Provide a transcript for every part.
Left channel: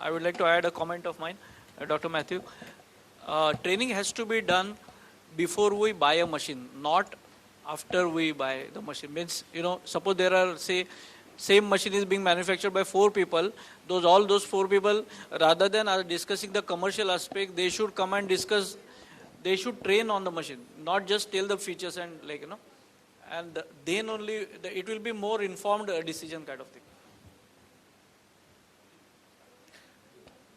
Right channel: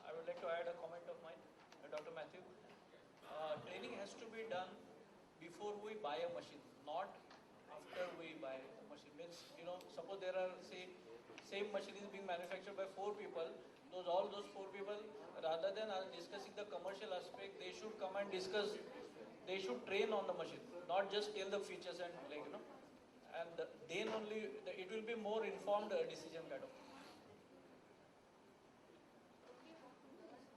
I would like to add a comment of mine, Dr. Matthew. Training has to be done before we buy a machine, not after we buy the machine. Means, suppose there are, say, same machine is being manufactured by 4 people, all those 4 people, rather than discussing the commercial aspect, they should come and discuss, they should train on the machine, not just tell the features and and then only it will be more informed decision kind of thing.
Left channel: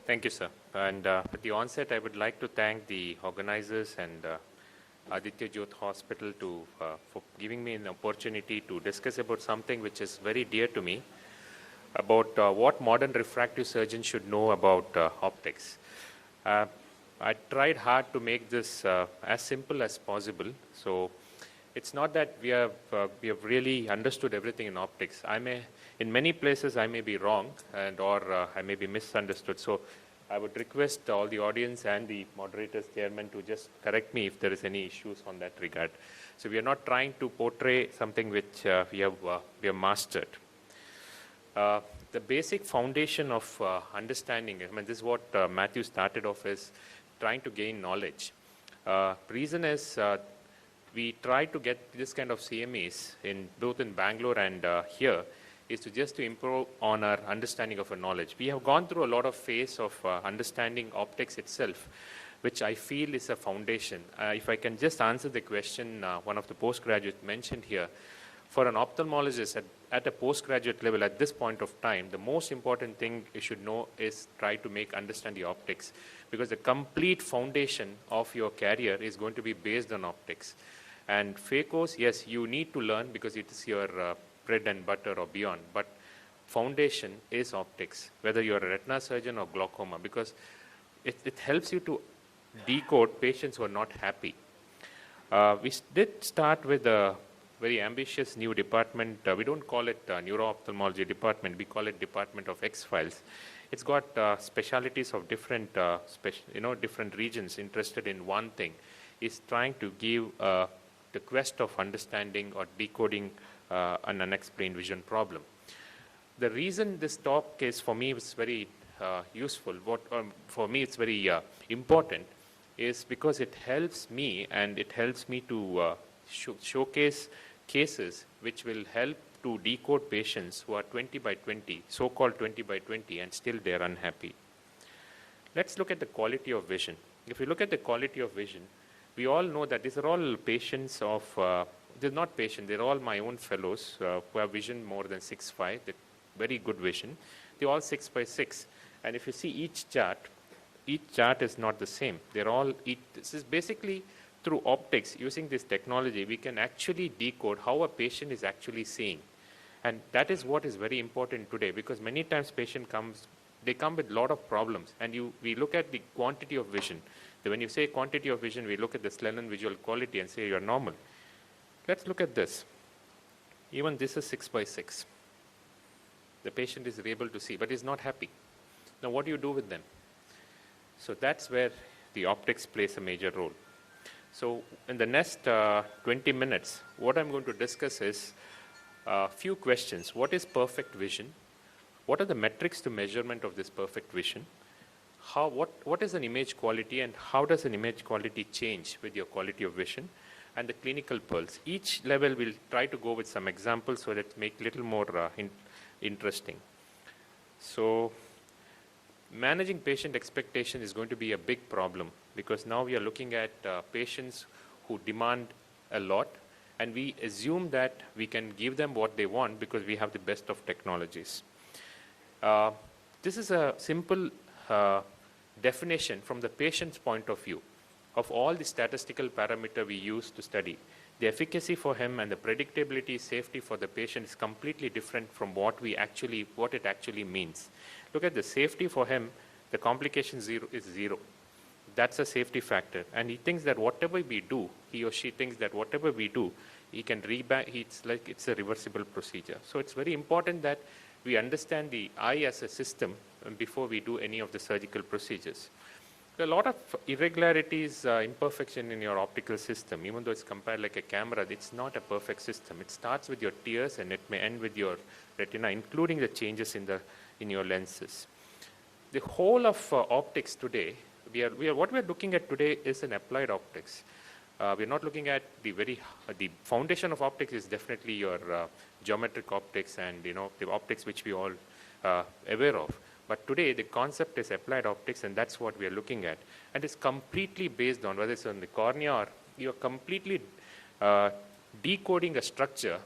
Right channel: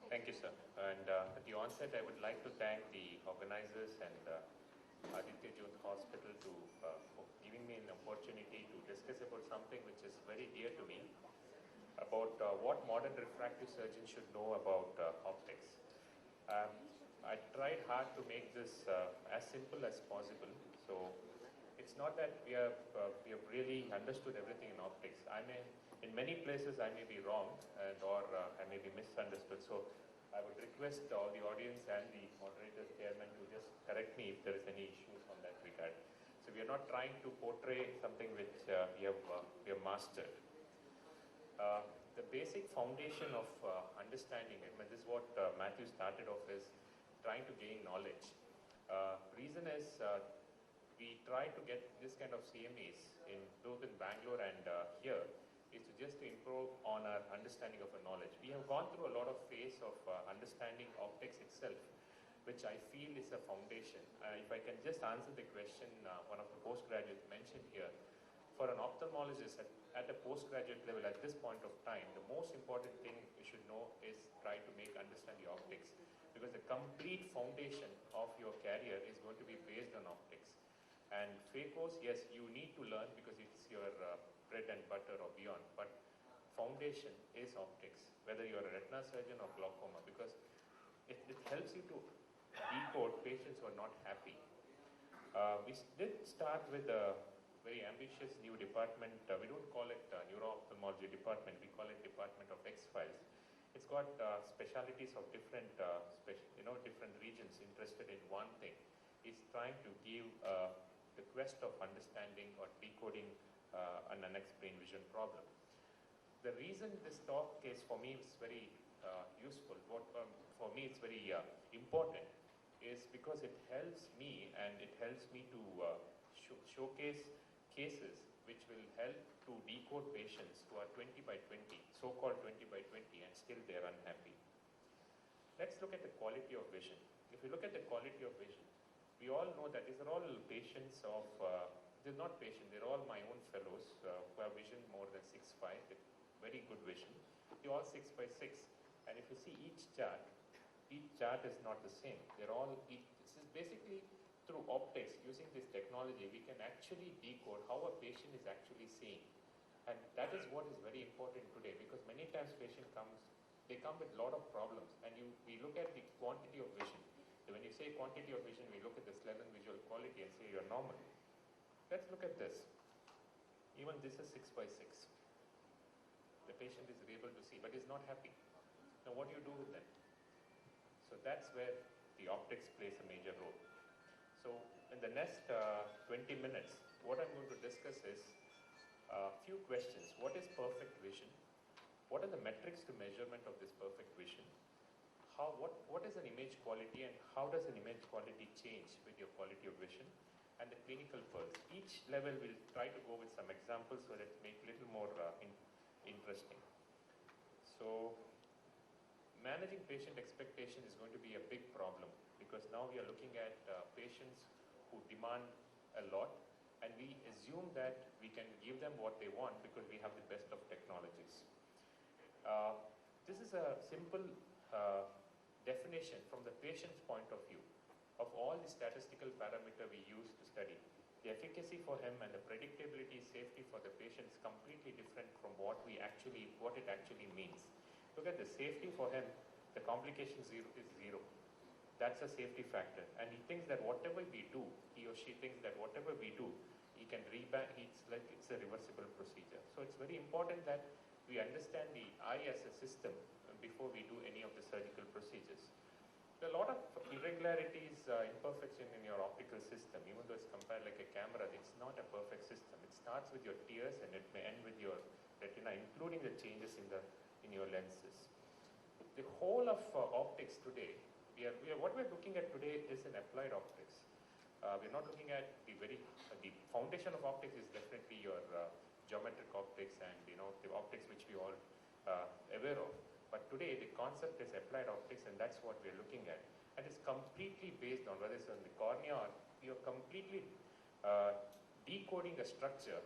Thank you, sir. And at the onset, I would like to thank the organizers and Aditya Jyot Hospital for giving me an opportunity to discuss about something which is very dear to me, about what modern refractive surgeons should know about optics. I tried hard to make this as simple as possible. So it's not that we have really understood everything in optics. In many places, I may be wrong or I may be misunderstood. So I would request all the audience and the moderators, chairman, to just correct me if there is any issues on that regard. So we are not trying to portray something which we have mastered. The basic foundation of understanding, this is what Matthew started off, is trying to gain knowledge. Reason is we try to get this kind of CMEs both in Bangalore and here, is to improve on our understanding of our knowledge. We have gone through a lot of phase of understanding optics itself, which I feel is a foundation. If I can just answer the question one of the postgraduates mentioned here, for an ophthalmologist at a postgraduate level at this point of time, the most important thing you should know is try to understand the optics, because the complete foundation of your career is going to be based on optics. And phaco, yes, you need to learn because it is your bread and butter or beyond, but foundation is optics, whether you're a retina surgeon or glaucoma, because it helps you to decode patients who are not happy. We did start with a very ambitious new department. We don't call it neuro-ophthalmology department, we call it Department of X-Files. It's got specialities of different, different regions interested in one thing. It's trying to give the quest of understanding or decoding an unexplained vision problem. The reason this talk is for me was very useful, for me it's very important, is because it helps me to showcase cases which will help to decode patients who are 20 by 20, so-called 20 by 20, and still they're unhappy. Let's look at the quality of vision. If you look at the quality of vision, we all know that these are all patients of they're not patients, they're all my own fellows who have vision more than 6.5, very good vision. They're all 6 by 6. And if you see each chart is not the same. This is basically through optics, using this technology, we can actually decode how a patient is actually seeing. And that is what is very important today, because many times patient they come with a lot of problems. And we look at the quantity of vision. When you say quantity of vision, we look at the Snellen visual quality and say you're normal. Let's look at this. Even this is 6 by 6. The patient is able to see, but is not happy. Now, what do you do with them? So that's where the optics plays a major role. So in the next 20 minutes, what I'm going to discuss is a few questions. What is perfect vision? What are the metrics to measurement of this perfect vision? What is an image quality, and how does an image quality change with your quality of vision? And the clinical pearls. Each level will try to go with some examples so that make it a little more interesting. So managing patient expectation is going to be a big problem, because now we are looking at patients who demand a lot, and we assume that we can give them what they want because we have the best of technologies. This is a simple definition from the patient's point of view of all the statistical parameter we use to study. The efficacy for him and the predictability, safety for the patient is completely different from what it actually means. Look at the safety for him, the complication is zero. That's a safety factor. And he thinks that whatever we do, he or she thinks that whatever we do, he can it's a reversible procedure. So it's very important that we understand the eye as a system before we do any of the surgical procedures. There are a lot of irregularities, imperfection in your optical system. Even though it's compared like a camera, it's not a perfect system. It starts with your tears and it may end with your retina, including the changes in your lenses. the whole of optics today, what we are looking at today is an applied optics. We're not looking at the foundation of optics is definitely your geometric optics and the optics which we all aware of. But today the concept is applied optics, and that's what we are looking at. And it's completely based on whether it's on the cornea or you're completely decoding a structure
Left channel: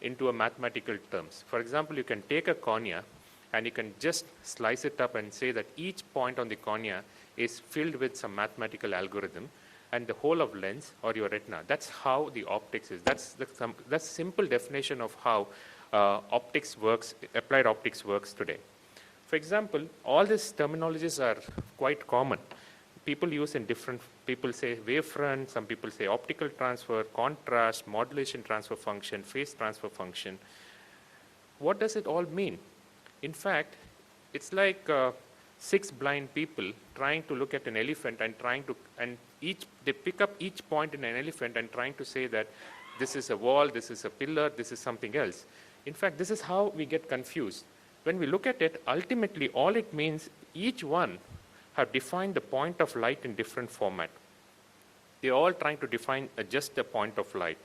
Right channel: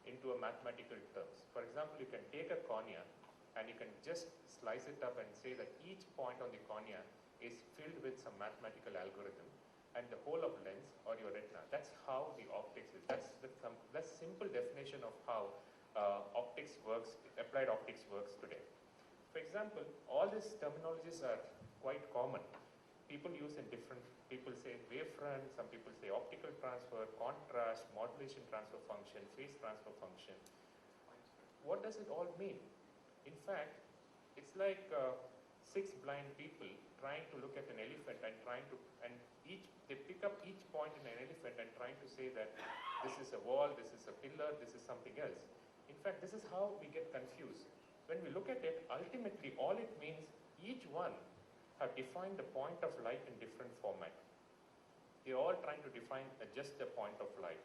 into a mathematical terms. For example, you can take a cornea and you can just slice it up and say that each point on the cornea is filled with some mathematical algorithm, and the whole of lens or your retina. That's how the optics is. That's simple definition of how optics works, applied optics works today. For example, all these terminologies are quite common. People use in different, people say wavefront, some people say optical transfer, contrast, modulation transfer function, phase transfer function. What does it all mean? In fact, it's like 6 blind people trying to look at an elephant and they pick up each point in an elephant and trying to say that this is a wall, this is a pillar, this is something else. In fact, this is how we get confused. When we look at it, ultimately all it means, each one have defined the point of light in different format. They're all trying to define just a point of light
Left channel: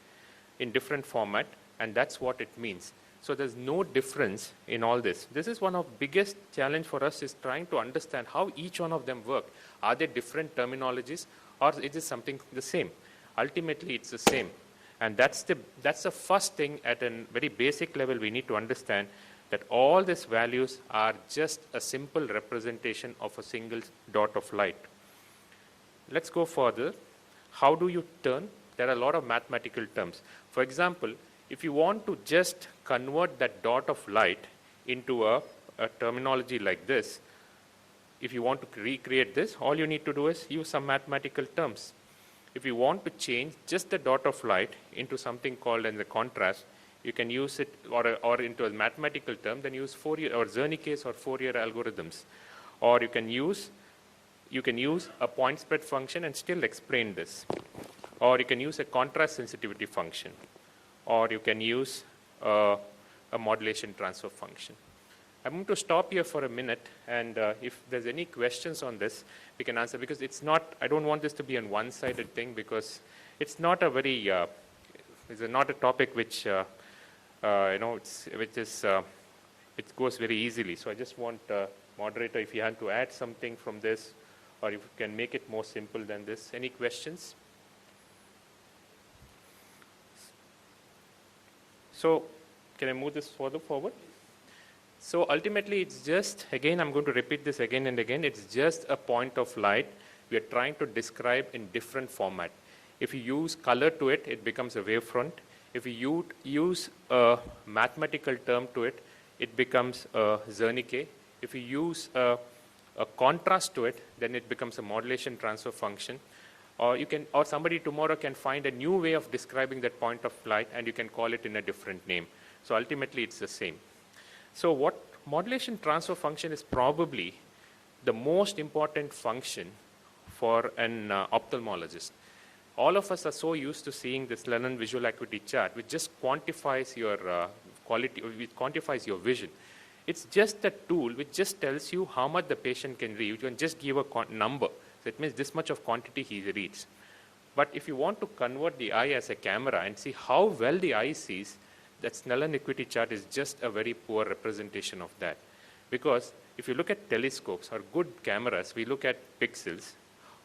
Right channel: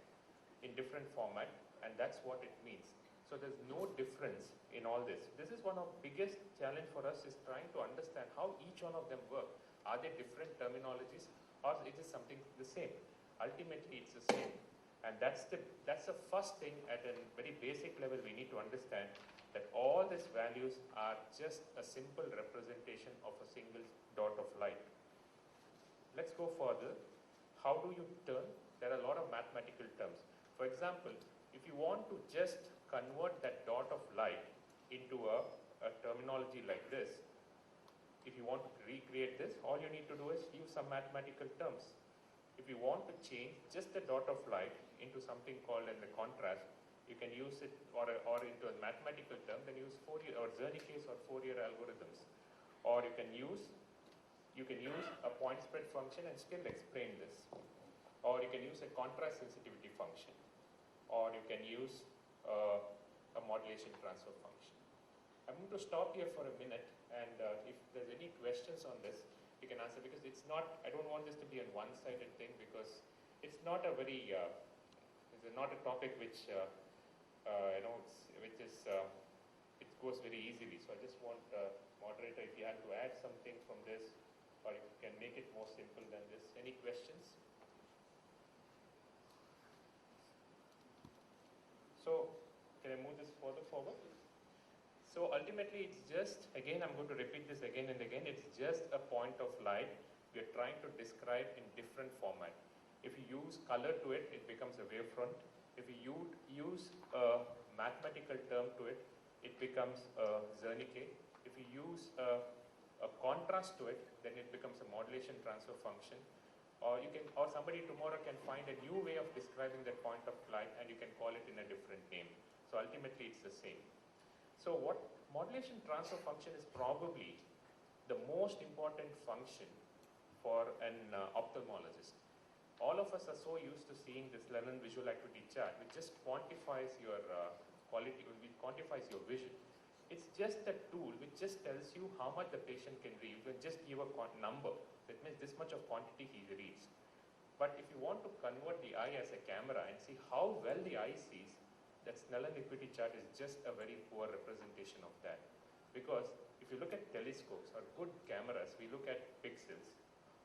in different format, and that's what it means. So there's no difference in all this. This is one of the biggest challenge for us, is trying to understand how each one of them work. Are they different terminologies, or is it something the same? Ultimately, it's the same. And that's the first thing at a very basic level we need to understand, that all these values are just a simple representation of a single dot of light. Let's go further. How do you turn? There are a lot of mathematical terms. For example, if you want to just convert that dot of light into a terminology like this, if you want to recreate this, all you need to do is use some mathematical terms. If you want to change just the dot of light into something called as a contrast, you can use it, or into a mathematical term, then use Fourier or Zernike's or Fourier algorithms. Or you can use a point spread function and still explain this. Or you can use a contrast sensitivity function. Or you can use a modulation transfer function. I'm going to stop here for a minute, and if there's any questions on this, we can answer, because it's not, I don't want this to be a one-sided thing, because it's not a very, it's not a topic which, it goes very easily. So I just want, moderator, if you have to add something from this, or if you can make it more simple than this. Any questions? So can I move this further forward? So ultimately, it's just, again, I'm going to repeat this again and again, it's just a point of light we are trying to describe in different format. If you use color to it, it becomes a wavefront. If you use a mathematical term to it, it becomes a Zernike. If you use a contrast to it, then it becomes a modulation transfer function. Or somebody tomorrow can find a new way of describing that point of light, and you can call it in a different name. So ultimately, it's the same. So what modulation transfer function is probably the most important function for an ophthalmologist. All of us are so used to seeing this Lennon visual acuity chart, which just quantifies your quality, which quantifies your vision. It's just a tool which just tells you how much the patient can read. You can just give a number. So it means this much of quantity he reads. But if you want to convert the eye as a camera and see how well the eye sees, that Snellen acuity chart is just a very poor representation of that. Because if you look at telescopes or good cameras, we look at pixels.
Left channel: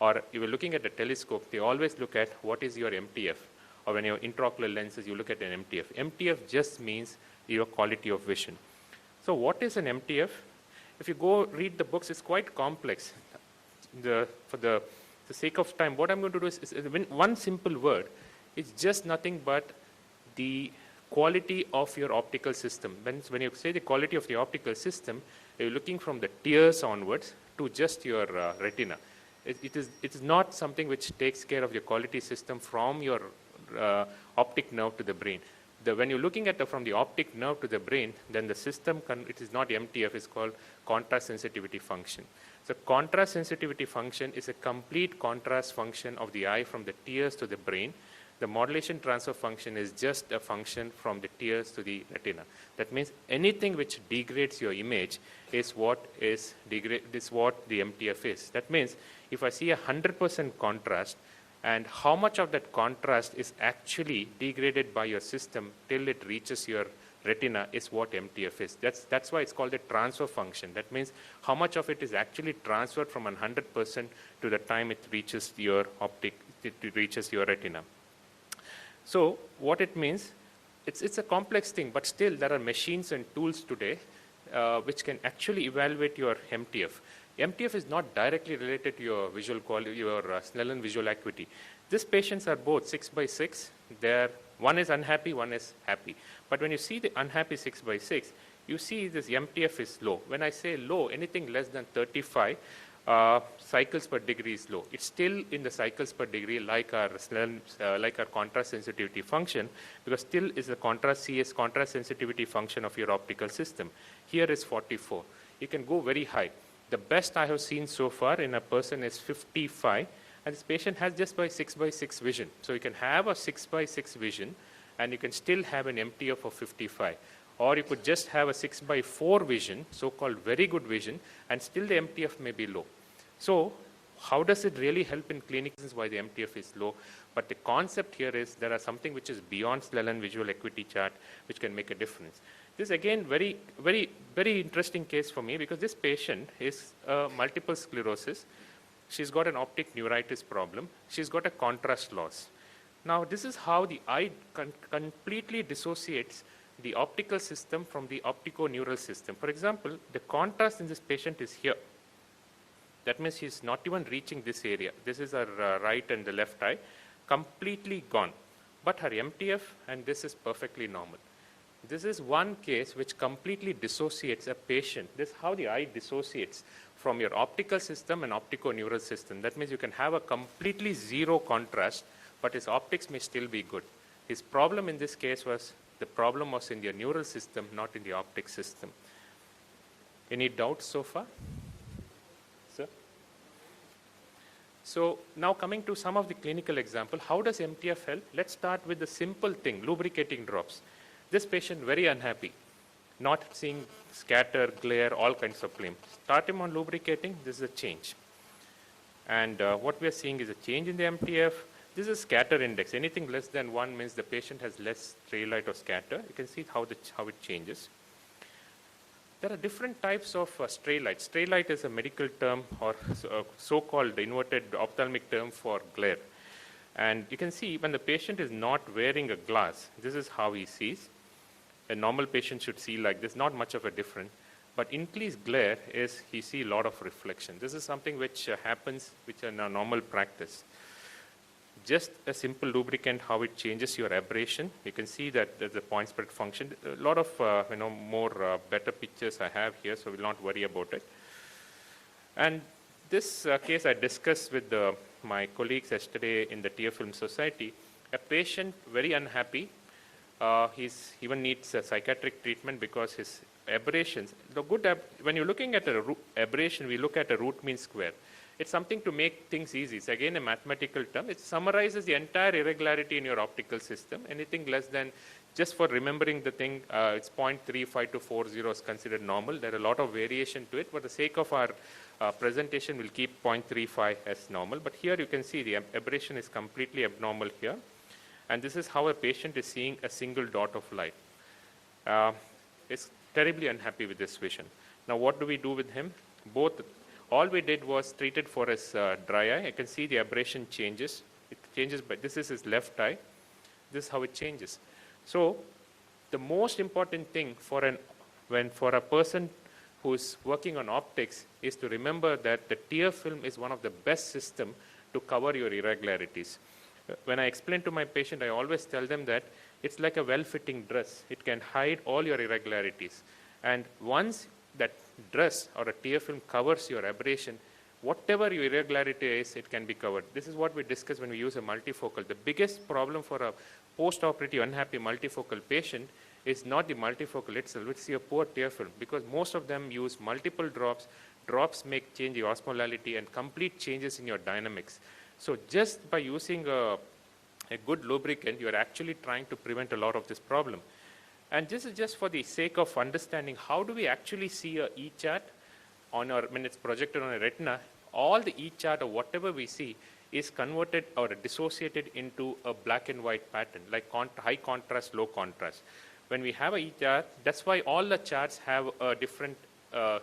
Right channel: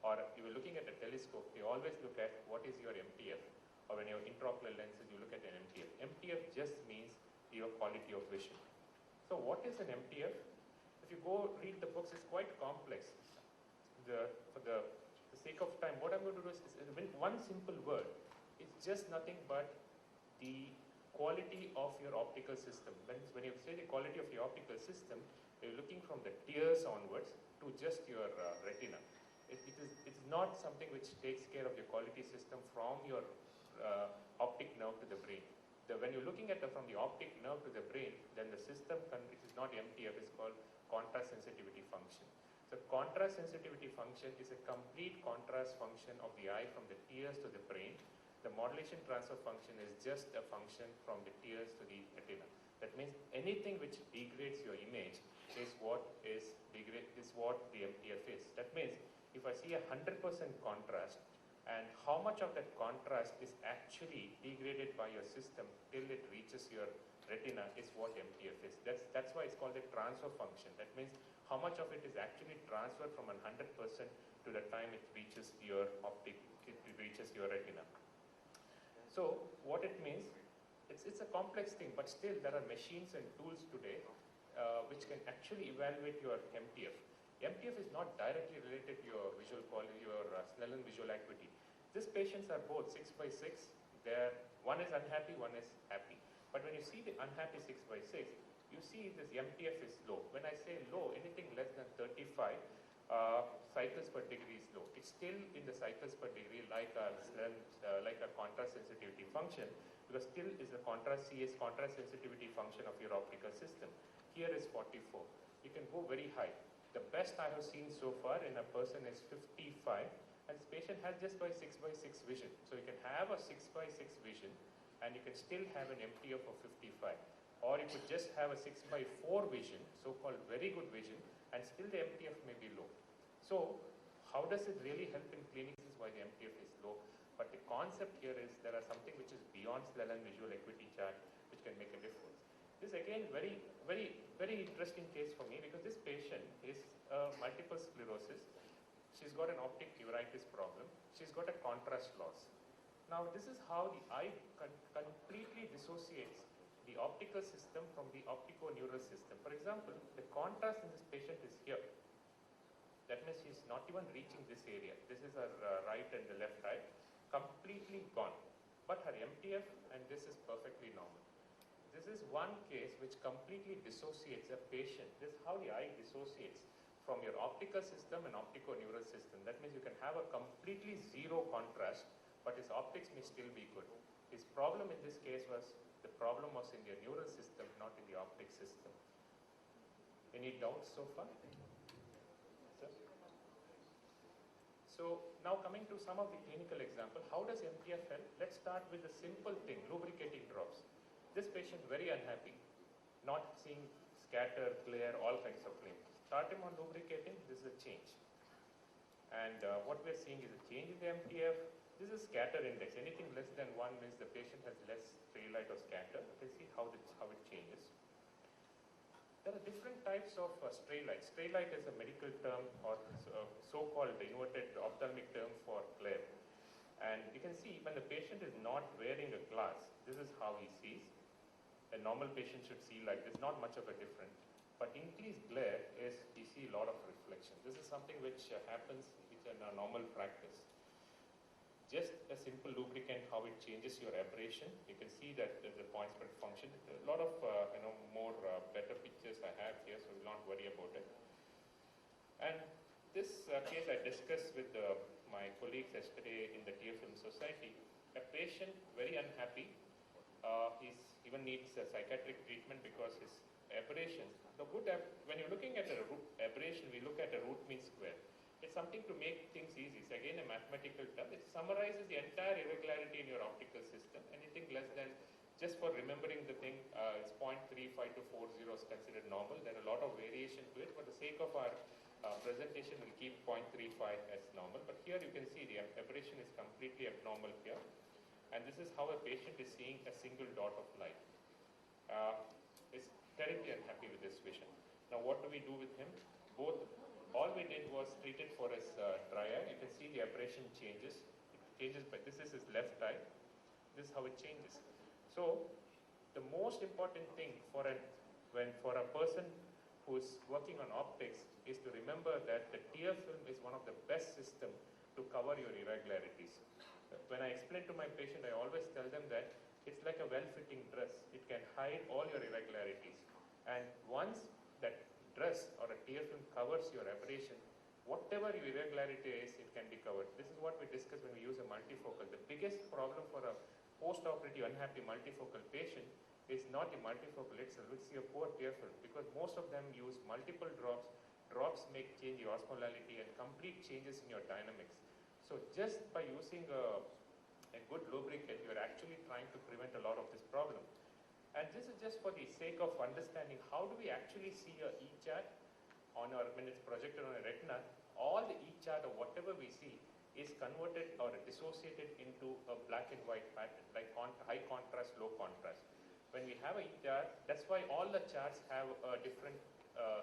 Or if you're looking at a telescope, they always look at what is your MTF. Or when you're intraocular lenses, you look at an MTF. MTF just means your quality of vision. So what is an MTF? If you go read the books, it's quite complex. For the sake of time, what I'm going to do is one simple word. It's just nothing but the quality of your optical system. When you say the quality of the optical system, you're looking from the tears onwards to just your retina. It is not something which takes care of your quality system from your optic nerve to the brain. When you're looking at from the optic nerve to the brain, then the system, it is not MTF, it's called contrast sensitivity function. So contrast sensitivity function is a complete contrast function of the eye from the tears to the brain. the modulation transfer function is just a function from the tears to the retina. That means anything which degrades your image is what the MTF is. That means if I see 100% contrast, and how much of that contrast is actually degraded by your system till it reaches your retina is what MTF is. That's why it's called a transfer function. That means how much of it is actually transferred from 100% to the time it reaches your retina. So what it means, it's a complex thing, but still there are machines and tools today which can actually evaluate your MTF. MTF is not directly related to your visual quality, your Snellen visual acuity. These patients are both 6/6. One is unhappy, one is happy. But when you see the unhappy 6/6, you see this MTF is low. When I say low, anything less than 35 cycles per degree is low. It's still in the cycles per degree like our contrast sensitivity function, because still is the contrast sensitivity function of your optical system. Here is 44. You can go very high. The best I have seen so far in a person is 55, and this patient has just by 6/6 vision. So you can have a 6/6 vision, and you can still have an MTF of 55. Or you could just have a 6/4 vision, so-called very good vision, and still the MTF may be low. So how does it really help in clinics? This is why the MTF is low. But the concept here is there are something which is beyond Snellen visual acuity chart which can make a difference. This is again very, very, very interesting case for me, because this patient is multiple sclerosis. She's got an optic neuritis problem. She's got a contrast loss. Now this is how the eye completely dissociates the optical system from the optico-neural system. For example, the contrast in this patient is here. That means she's not even reaching this area. This is her right and the left eye, completely gone. But her MTF and this is perfectly normal. This is one case which completely dissociates a patient. This is how the eye dissociates from your optical system and optico-neural system. That means you can have a completely zero contrast, but his optics may still be good. His problem in this case was, the problem was in the neural system, not in the optic system. Any doubts so far? Sir? So now coming to some of the clinical example, how does MTF help? Let's start with the simple thing, lubricating drops. This patient very unhappy, not seeing scatter, glare, all kinds of flame. Start him on lubricating, this is a change. And what we are seeing is a change in the MTF. This is scatter index. Anything less than 1 means the patient has less stray light or scatter. You can see how it changes. There are different types of stray light. Stray light is a medical term, or so-called inverted ophthalmic term for glare. And you can see when the patient is not wearing a glass, this is how he sees. A normal patient should see like this, not much of a difference. But increased glare is he see a lot of reflection. This is something which happens, which in a normal practice. Just a simple lubricant, how it changes your aberration. You can see that the point spread function. A lot of more better pictures I have here, so we'll not worry about it. And this case I discussed with my colleagues yesterday in the Tear Film Society. A patient very unhappy. He even needs a psychiatric treatment because his aberrations. When you're looking at an aberration, we look at a root mean square. It's something to make things easy. It's again a mathematical term. It summarizes the entire irregularity in your optical system. Anything less than, just for remembering the thing, it's 0.35 to 40 is considered normal. There are a lot of variation to it. For the sake of our presentation, we'll keep 0.35 as normal. But here you can see the aberration is completely abnormal here. And this is how a patient is seeing a single dot of light. Is terribly unhappy with this vision. Now what do we do with him? All we did was treated for his dry eye. You can see the aberration changes. It changes, but this is his left eye. This is how it changes. So the most important thing for a person who is working on optics is to remember that the tear film is one of the best system to cover your irregularities. When I explain to my patient, I always tell them that it's like a well-fitting dress. It can hide all your irregularities. And once that dress or a tear film covers your aberration, whatever your irregularity is, it can be covered. This is what we discuss when we use a multifocal. The biggest problem for a post-operative unhappy multifocal patient is not the multifocal itself, it's your poor tear film, because most of them use multiple drops. Drops make change the osmolality and complete changes in your dynamics. So just by using a a good lubricant, you are actually trying to prevent a lot of this problem. And this is just for the sake of understanding how do we actually see a E-chart on our, when it's projected on a retina, all the E-chart or whatever we see is converted or dissociated into a black and white pattern, like high contrast, low contrast. When we have a E-chart, that's why all the charts have a different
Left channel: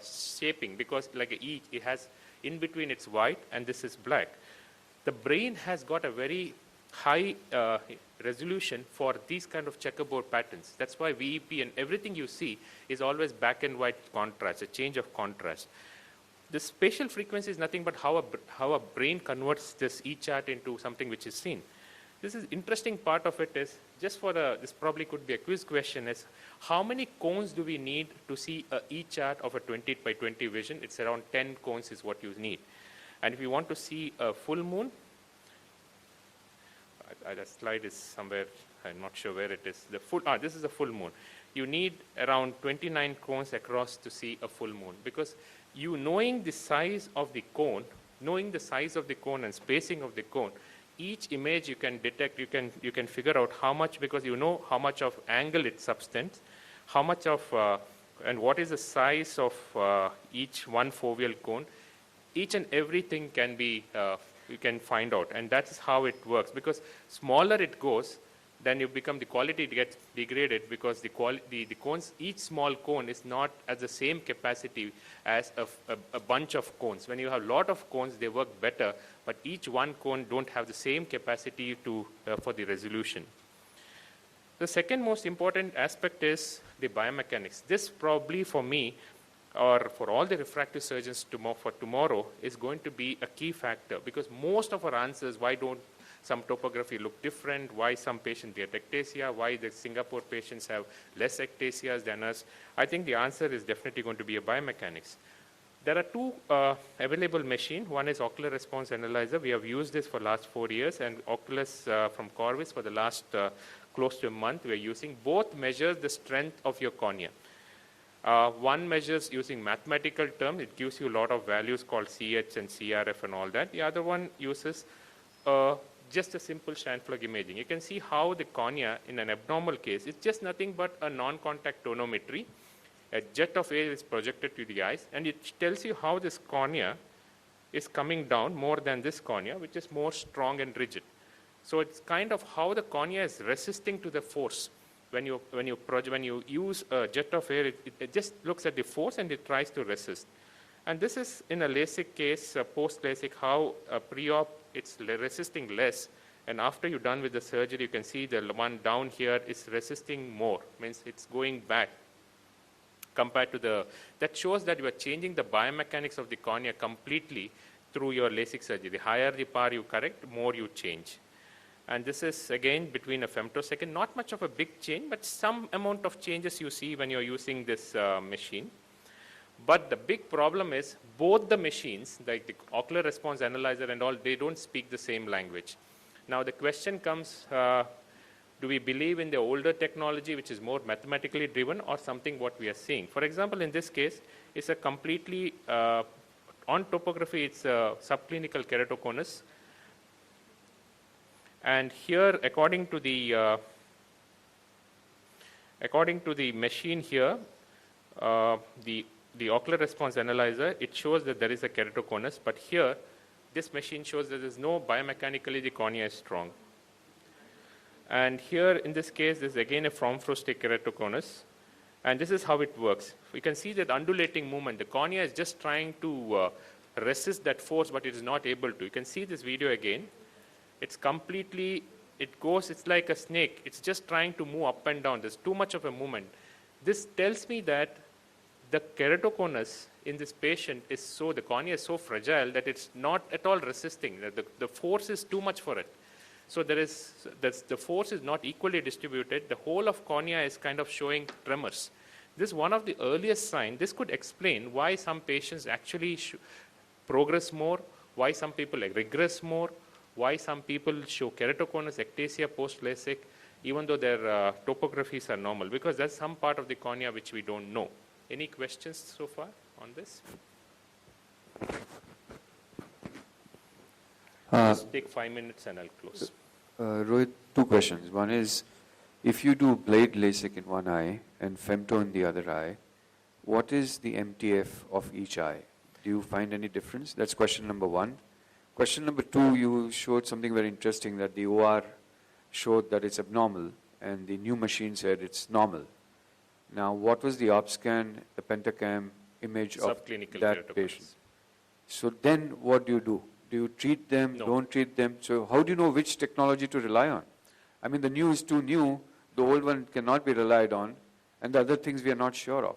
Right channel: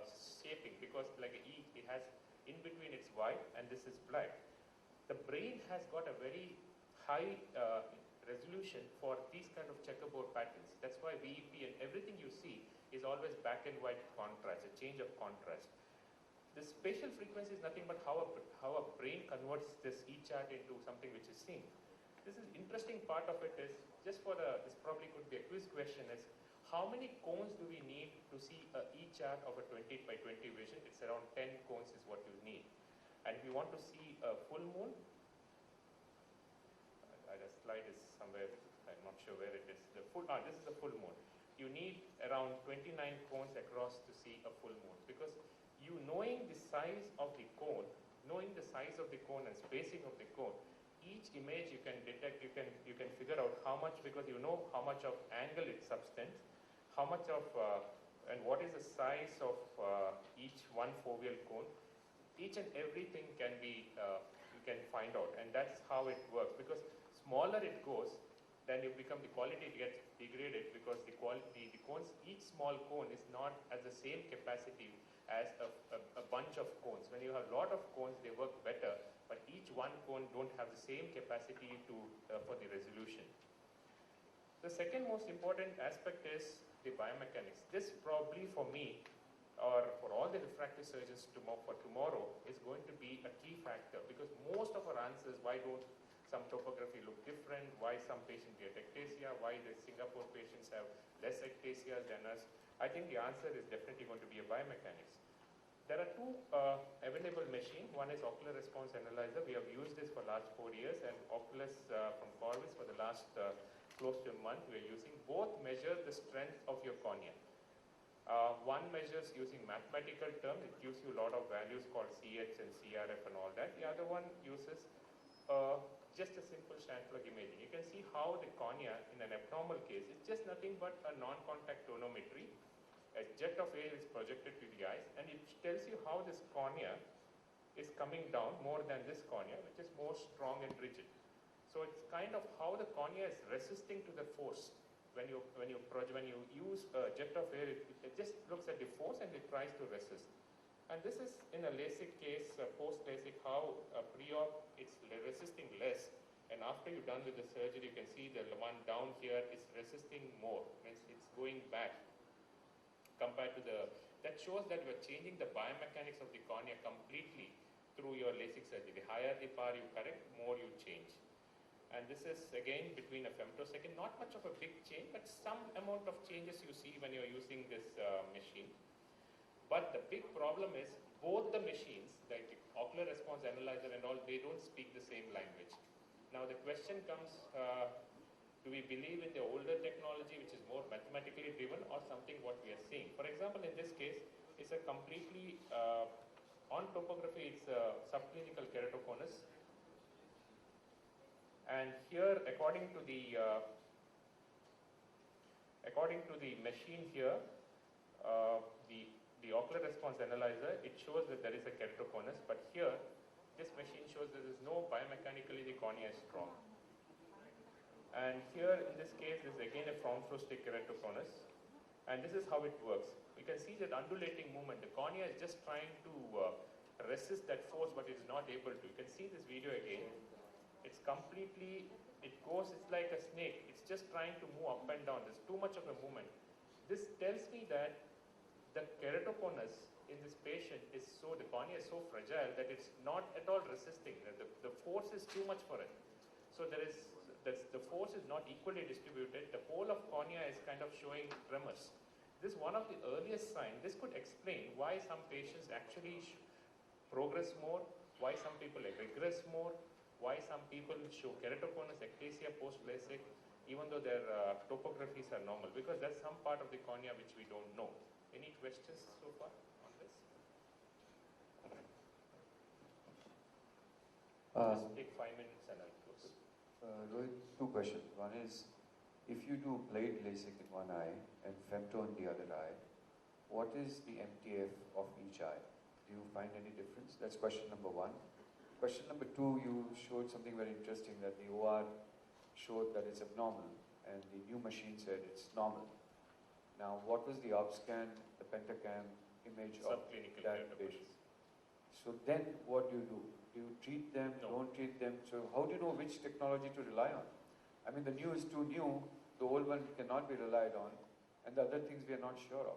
shaping, because like a E, it has in between it's white and this is black. The brain has got a very high resolution for these kind of checkerboard patterns. That's why VEP and everything you see is always black and white contrast, a change of contrast. The spatial frequency is nothing but how a brain converts this E-chart into something which is seen. This is interesting part of it is, just for this probably could be a quiz question, is how many cones do we need to see a E-chart of a 20 by 20 vision? It's around 10 cones is what you need. And if you want to see a full moon, that slide is somewhere, I'm not sure where it is. This is a full moon. You need around 29 cones across to see a full moon, because you knowing the size of the cone, and spacing of the cone, each image you can detect, you can figure out how much, because you know how much of angle it subtends, how much of, and what is the size of each one foveal cone. Each and everything can be, you can find out, and that's how it works. Because smaller it goes, then you become, the quality gets degraded, because the cones, each small cone is not at the same capacity as a bunch of cones. When you have a lot of cones, they work better, but each one cone don't have the same capacity to for the resolution. The second most important aspect is the biomechanics. This probably for me, or for all the refractive surgeons for tomorrow, is going to be a key factor, because most of our answers, why don't some topography look different, why some patients get ectasia, why the Singapore patients have less ectasias than us, I think the answer is definitely going to be a biomechanics. There are two available machines. One is ocular response analyzer. We have used this for last 4 years, and Oculus from Corvus for the last close to a month we are using. Both measure the strength of your cornea. One measures using mathematical terms. It gives you a lot of values called CH and CRF and all that. The other one uses just a simple Scheimpflug imaging. You can see how the cornea in an abnormal case, it's just nothing but a non-contact tonometry. A jet of air is projected to the eyes, and it tells you how this cornea is coming down more than this cornea, which is more strong and rigid. So it's kind of how the cornea is resisting to the force. When you use a jet of air, it just looks at the force and it tries to resist. And this is in a LASIK case, post-LASIK, how pre-op it's resisting less. And after you're done with the surgery, you can see the one down here is resisting more, means it's going back compared to that shows that you are changing the biomechanics of the cornea completely through your LASIK surgery. The higher the power you correct, more you change. And this is, again, between a femtosecond, not much of a big change, but some amount of changes you see when you're using this machine. But the big problem is both the machines, like the ocular response analyzer and all, they don't speak the same language. Now the question comes, do we believe in the older technology, which is more mathematically driven, or something what we are seeing? For example, in this case, it's a completely, on topography, it's a subclinical keratoconus. And here, according to the machine here, the ocular response analyzer, it shows that there is a keratoconus, but here, this machine shows that there is no biomechanically the cornea is strong. And here, in this case, this is again a Fromfrostig keratoconus, and this is how it works. We can see that undulating movement. The cornea is just trying to resist that force, but it is not able to. You can see this video again. It's completely, it's like a snake. It's just trying to move up and down. There's too much of a movement. This tells me that the keratoconus in this patient is the cornea is so fragile that it's not at all resisting. The force is too much for it. So the force is not equally distributed. The whole of cornea is kind of showing tremors. This is one of the earliest signs. This could explain why some patients actually progress more, why some people regress more, why some people show keratoconus ectasia post-LASIK, even though their topographies are normal, because that's some part of the cornea which we don't know. Any questions so far on this? Just take 5 minutes and I'll close. Rohit, two questions. One is, if you do blade LASIK in one eye and femto in the other eye, what is the MTF of each eye? Do you find any difference? That's question number one. Question number two, you showed something very interesting, that the OR showed that it's abnormal and the new machine said it's normal. Now, what was the op scan, the pentacam image of Subclinical that keratoconus. patient? So then what do? Do you treat them, No. don't treat them? So how do you know which technology to rely on? I mean, the new is too new, the old one cannot be relied on, and the other things we are not sure of.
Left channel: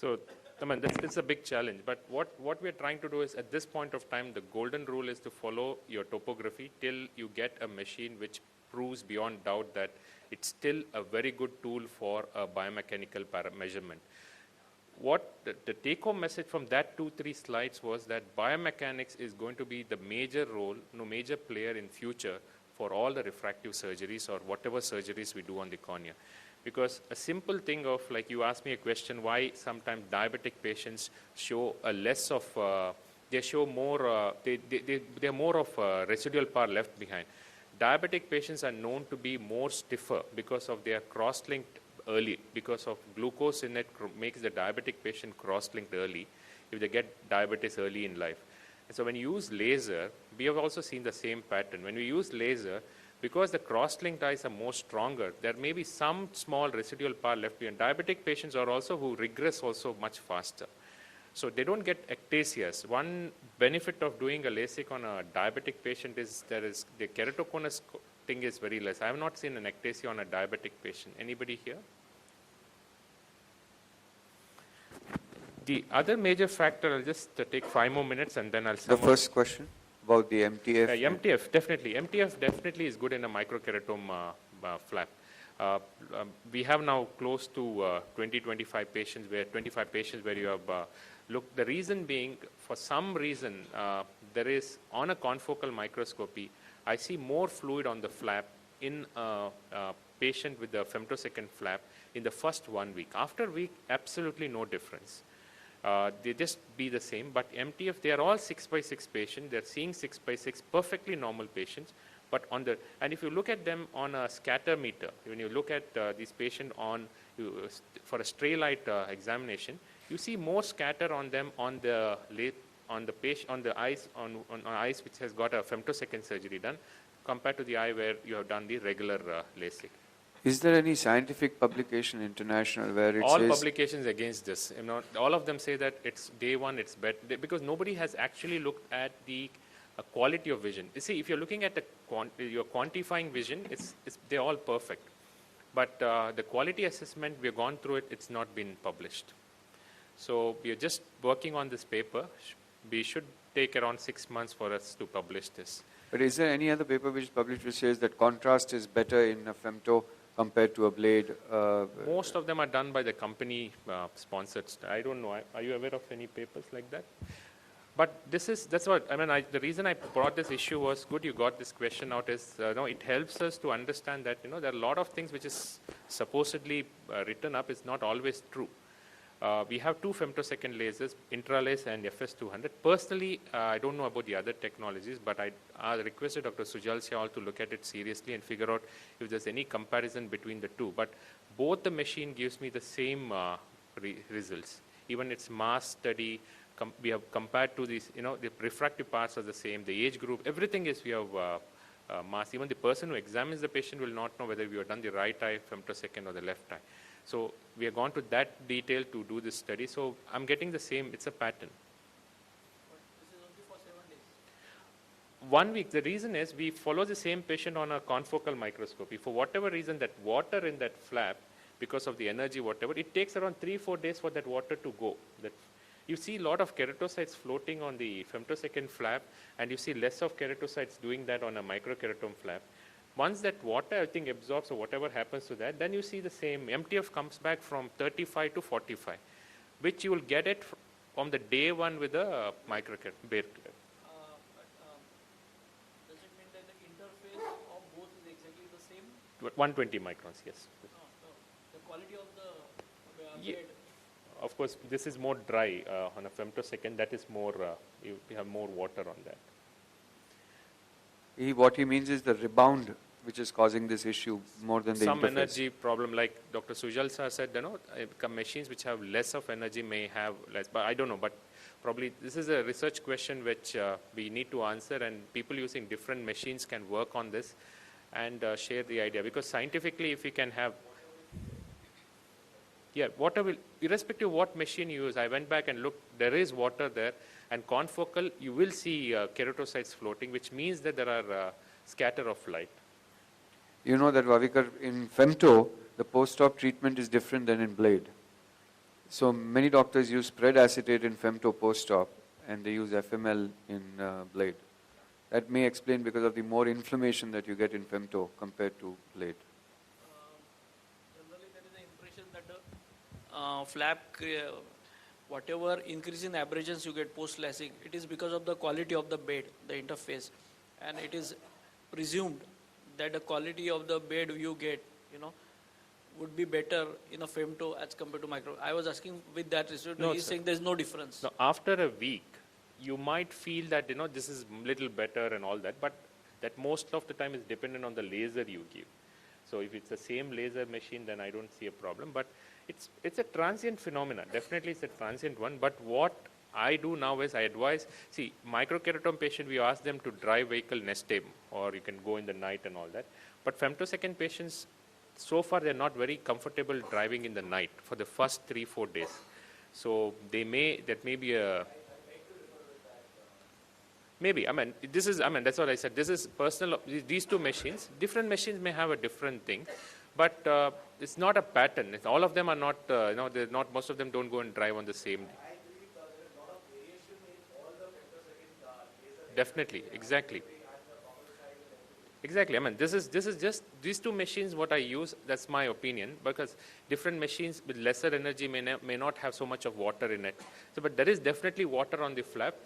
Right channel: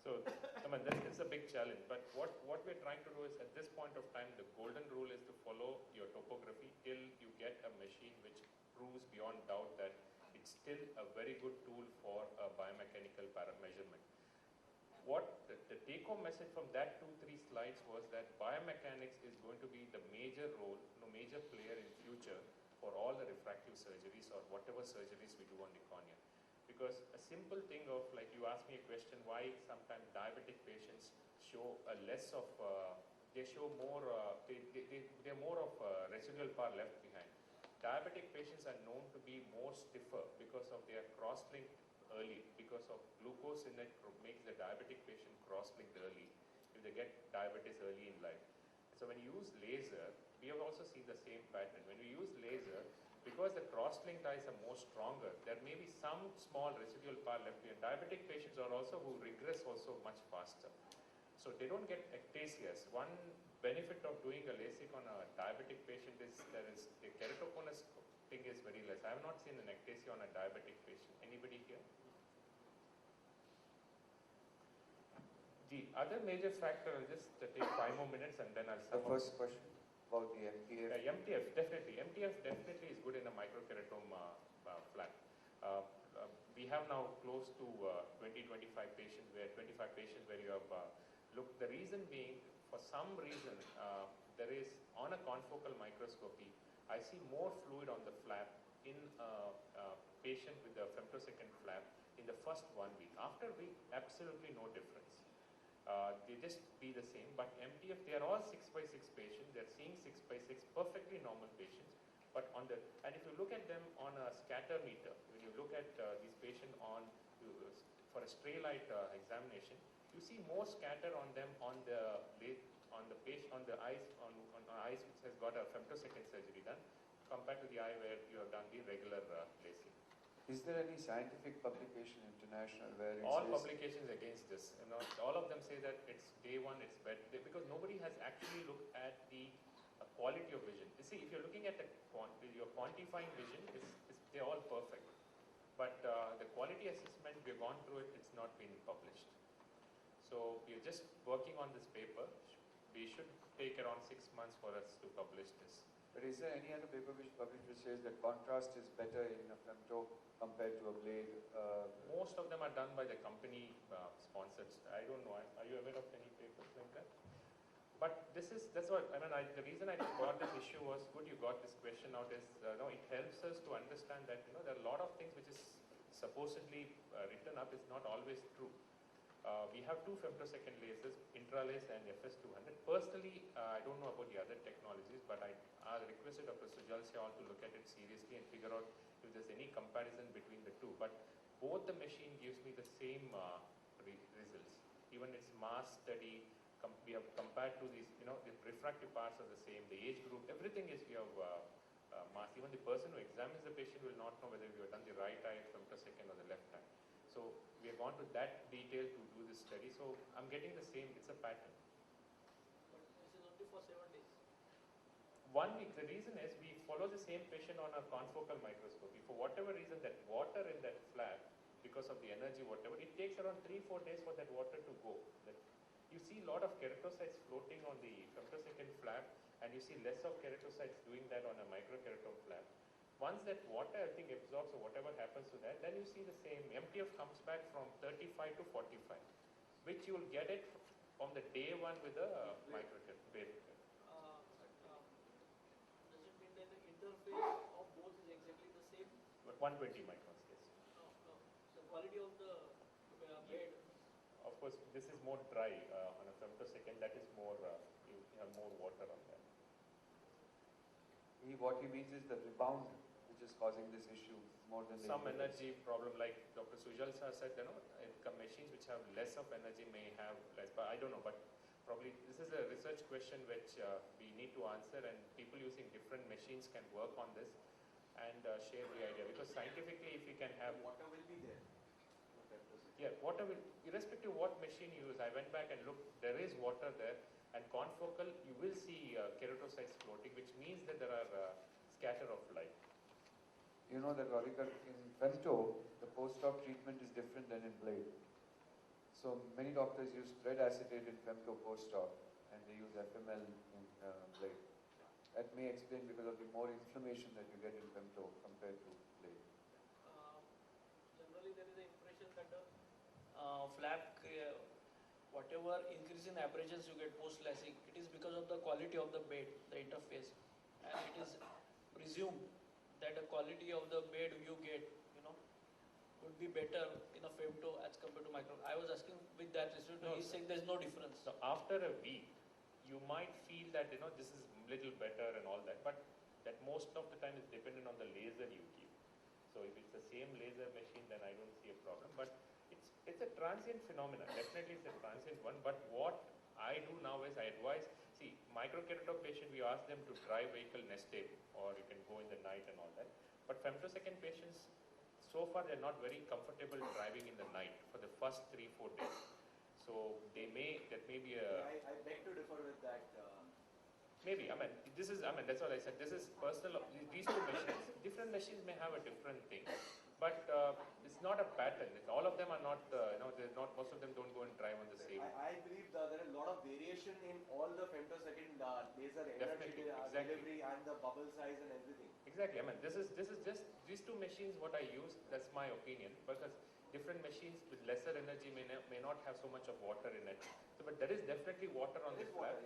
So, I mean, it's a big challenge. But what we're trying to do is, at this point of time, the golden rule is to follow your topography till you get a machine which proves beyond doubt that it's still a very good tool for a biomechanical measurement. What the take-home message from that 2-3 slides was that biomechanics is going to be the major role, major player in future for all the refractive surgeries or whatever surgeries we do on the cornea. Because a simple thing of, like you asked me a question, why sometimes diabetic patients show a less of, they show more, they're more of residual power left behind. Diabetic patients are known to be more stiffer because of their cross-linked early, because of glucose in it makes the diabetic patient cross-linked early if they get diabetes early in life. And so when you use laser, we have also seen the same pattern. When we use laser, because the cross-linked eyes are more stronger, there may be some small residual power left behind. Diabetic patients are also who regress also much faster. So they don't get ectasias. One benefit of doing a LASIK on a diabetic patient is the keratoconus thing is very less. I have not seen an ectasia on a diabetic patient. Anybody here? The other major factor, I'll just take 5 more minutes and then I'll sum The up. first question about the MTF. MTF, definitely. MTF definitely is good in a microkeratoma flap. We have now close to 20-25 patients where 25 patients where you have looked. The reason being, for some reason, there is on a confocal microscopy, I see more fluid on the flap in a patient with a femtosecond flap in the first 1 week. After a week, absolutely no difference. They just be the same, but MTF, they are all 6x6 patients. They're seeing 6x6 perfectly normal patients. But on the, and if you look at them on a scatter meter, when you look at these patients on, for a stray light examination, you see more scatter on them on the patient, on the eyes, on eyes which has got a femtosecond surgery done, compared to the eye where you have done the regular LASIK. Is there any scientific publication international where it All says publications against this, all of them say that it's day one, it's better, because nobody has actually looked at the quality of vision. You see, if you're looking at you're quantifying vision, they're all perfect. But the quality assessment, we've gone through it, it's not been published. So we are just working on this paper. We should take around 6 months for us to publish this. But is there any other paper which is published which says that contrast is better in a femto compared to a blade? Most of them are done by the company sponsored. I don't know. Are you aware of any papers like that? But that's what, the reason I brought this issue was, good you got this question out, is it helps us to understand that, there are a lot of things which is supposedly written up is not always true. We have 2 femtosecond lasers, Intralase and FS200. Personally, I don't know about the other technologies, but I requested Dr. Sujal Syal to look at it seriously and figure out if there's any comparison between the two. But both the machine gives me the same results. Even its mass study, we have compared to these, the refractive parts are the same, the age group, everything is we have mass. Even the person who examines the patient will not know whether we have done the right eye femtosecond or the left eye. So we have gone to that detail to do this study. So I'm getting the same, it's a pattern. But this is only for 7 days. 1 week, the reason is we follow the same patient on a confocal microscopy. For whatever reason, that water in that flap, because of the energy, whatever, it takes around 3-4 days for that water to go. You see a lot of keratocytes floating on the femtosecond flap, and you see less of keratocytes doing that on a microkeratome flap. Once that water, I think, absorbs or whatever happens to that, then you see the same. MTF comes back from 35 to 45, which you will get it from the day one with a microkeratome. Does it mean that the interface of both is exactly the same? 120 microns, yes. No. The quality of the Ye- blade. Of course, this is more dry on a femtosecond. That is more, you have more water on that. What he means is the rebound which is causing this issue more than the Some interface. energy problem, like Dr. Sujal sir said, machines which have less of energy may have less, but I don't know, but probably this is a research question which we need to answer, and people using different machines can work on this and share the idea, because scientifically if we can have, yeah, water will, irrespective of what machine you use, I went back and looked, there is water there, and confocal, you will see keratocytes floating, which means that there are scatter of light. You know that, Vavikar, in femto, the post-op treatment is different than in blade. So many doctors use spread acetate in femto post-op, and they use FML in blade. That may explain because of the more inflammation that you get in femto compared to blade. Generally, there is an impression that the flap, whatever increase in abrasions you get post lacing, it is because of the quality of the bed, the interface, and it is presumed that the quality of the bed you get, would be better in a femto as compared to micro. I was asking with that result, No, he's sir. saying there is no difference. Now, after a week, you might feel that, this is little better and all that, but that most of the time is dependent on the laser you give. So if it's the same laser machine, then I don't see a problem, but it's a transient phenomenon. Definitely it's a transient one, but what I do now is I advise, see, microkeratome patient, we ask them to drive vehicle next day, or you can go in the night and all that. But femtosecond patients, so far they're not very comfortable driving in the night for the first 3-4 days. So that may be a, maybe, that's what I said. This is personal, these two machines, different machines may have a different thing, but it's not a pattern. All of them are not, they're not, most of them don't go and drive on the same. I believe there is a lot of variation in all the femtosecond laser. Definitely, exactly. And the bubble size and everything. Exactly. This is just these two machines what I use. That's my opinion, because different machines with lesser energy may not have so much of water in it. So, but there is definitely water on the flap,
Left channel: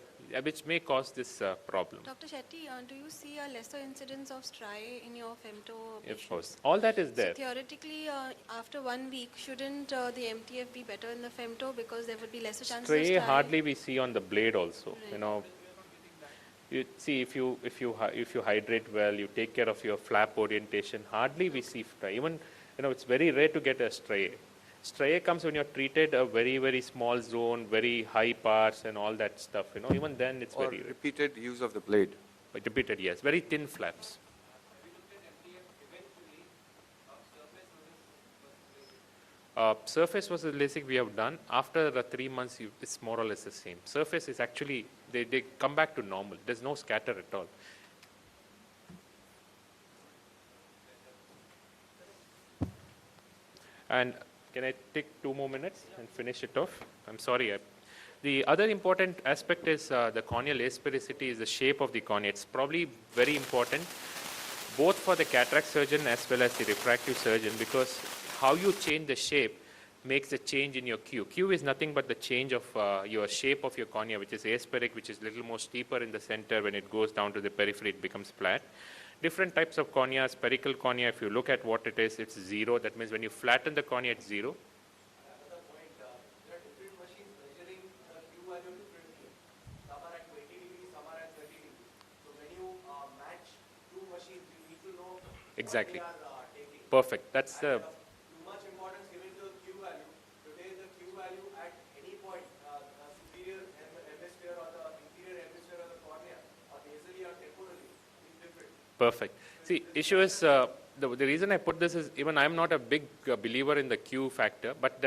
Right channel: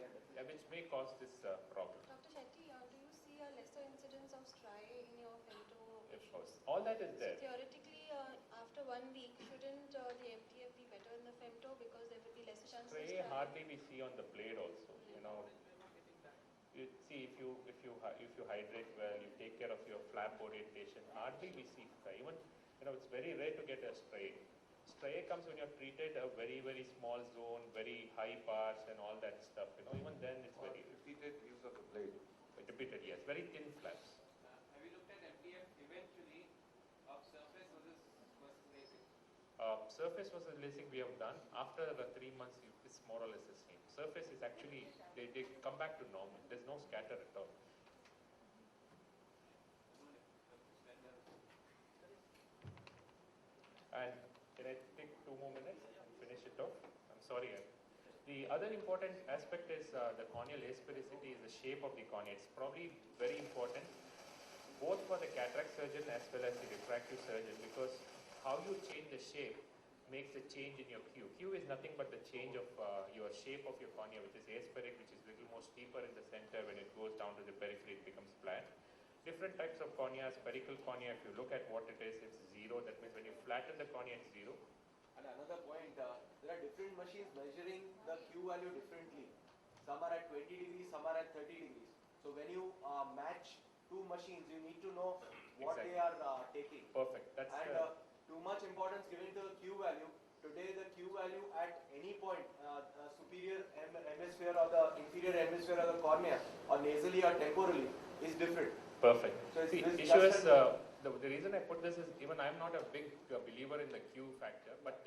which may cause this problem. Dr. Shetty, do you see a lesser incidence of striae in your femto Of patients? course, all that is So there. theoretically, after 1 week, shouldn't the MTF be better in the femto because there would be lesser chances of Stray striae? hardly we see on the blade also. You see, if you hydrate well, you take care of your flap orientation, hardly we see stray. Even it's very rare to get a stray. Stray comes when you're treated a very, very small zone, very high parts and all that stuff. Even then it's Or very rare. repeated use of the blade. But repeated, yes, very thin flaps. Surface versus LASIK we have done. After 3 months, it's more or less the same. Surface is actually, they come back to normal. There's no scatter at all. And can I take 2 more minutes and finish it off? I'm sorry. The other important aspect is the corneal asphericity is the shape of the cornea. It's probably very important both for the cataract surgeon as well as the refractive surgeon, because how you change the shape makes a change in your Q. Q is nothing but the change of your shape of your cornea, which is aspheric, which is a little more steeper in the center. When it goes down to the periphery, it becomes flat. Different types of cornea, spherical cornea, if you look at what it is, it's 0. That means when you flatten the cornea, it's 0. And another point, there are different machines measuring the Q value differently. Some are at 20 degrees, some are at 30 degrees. So when you match two machines, you need to know Exactly. what they are taking. Perfect. That's And too much importance given to the Q value. Today the Q value at any point, the superior hemisphere or the inferior hemisphere of the cornea, or nasally or temporally, is different. perfect. So See, this issue is, matters. the reason I put this is, even I'm not a big believer in the Q factor, but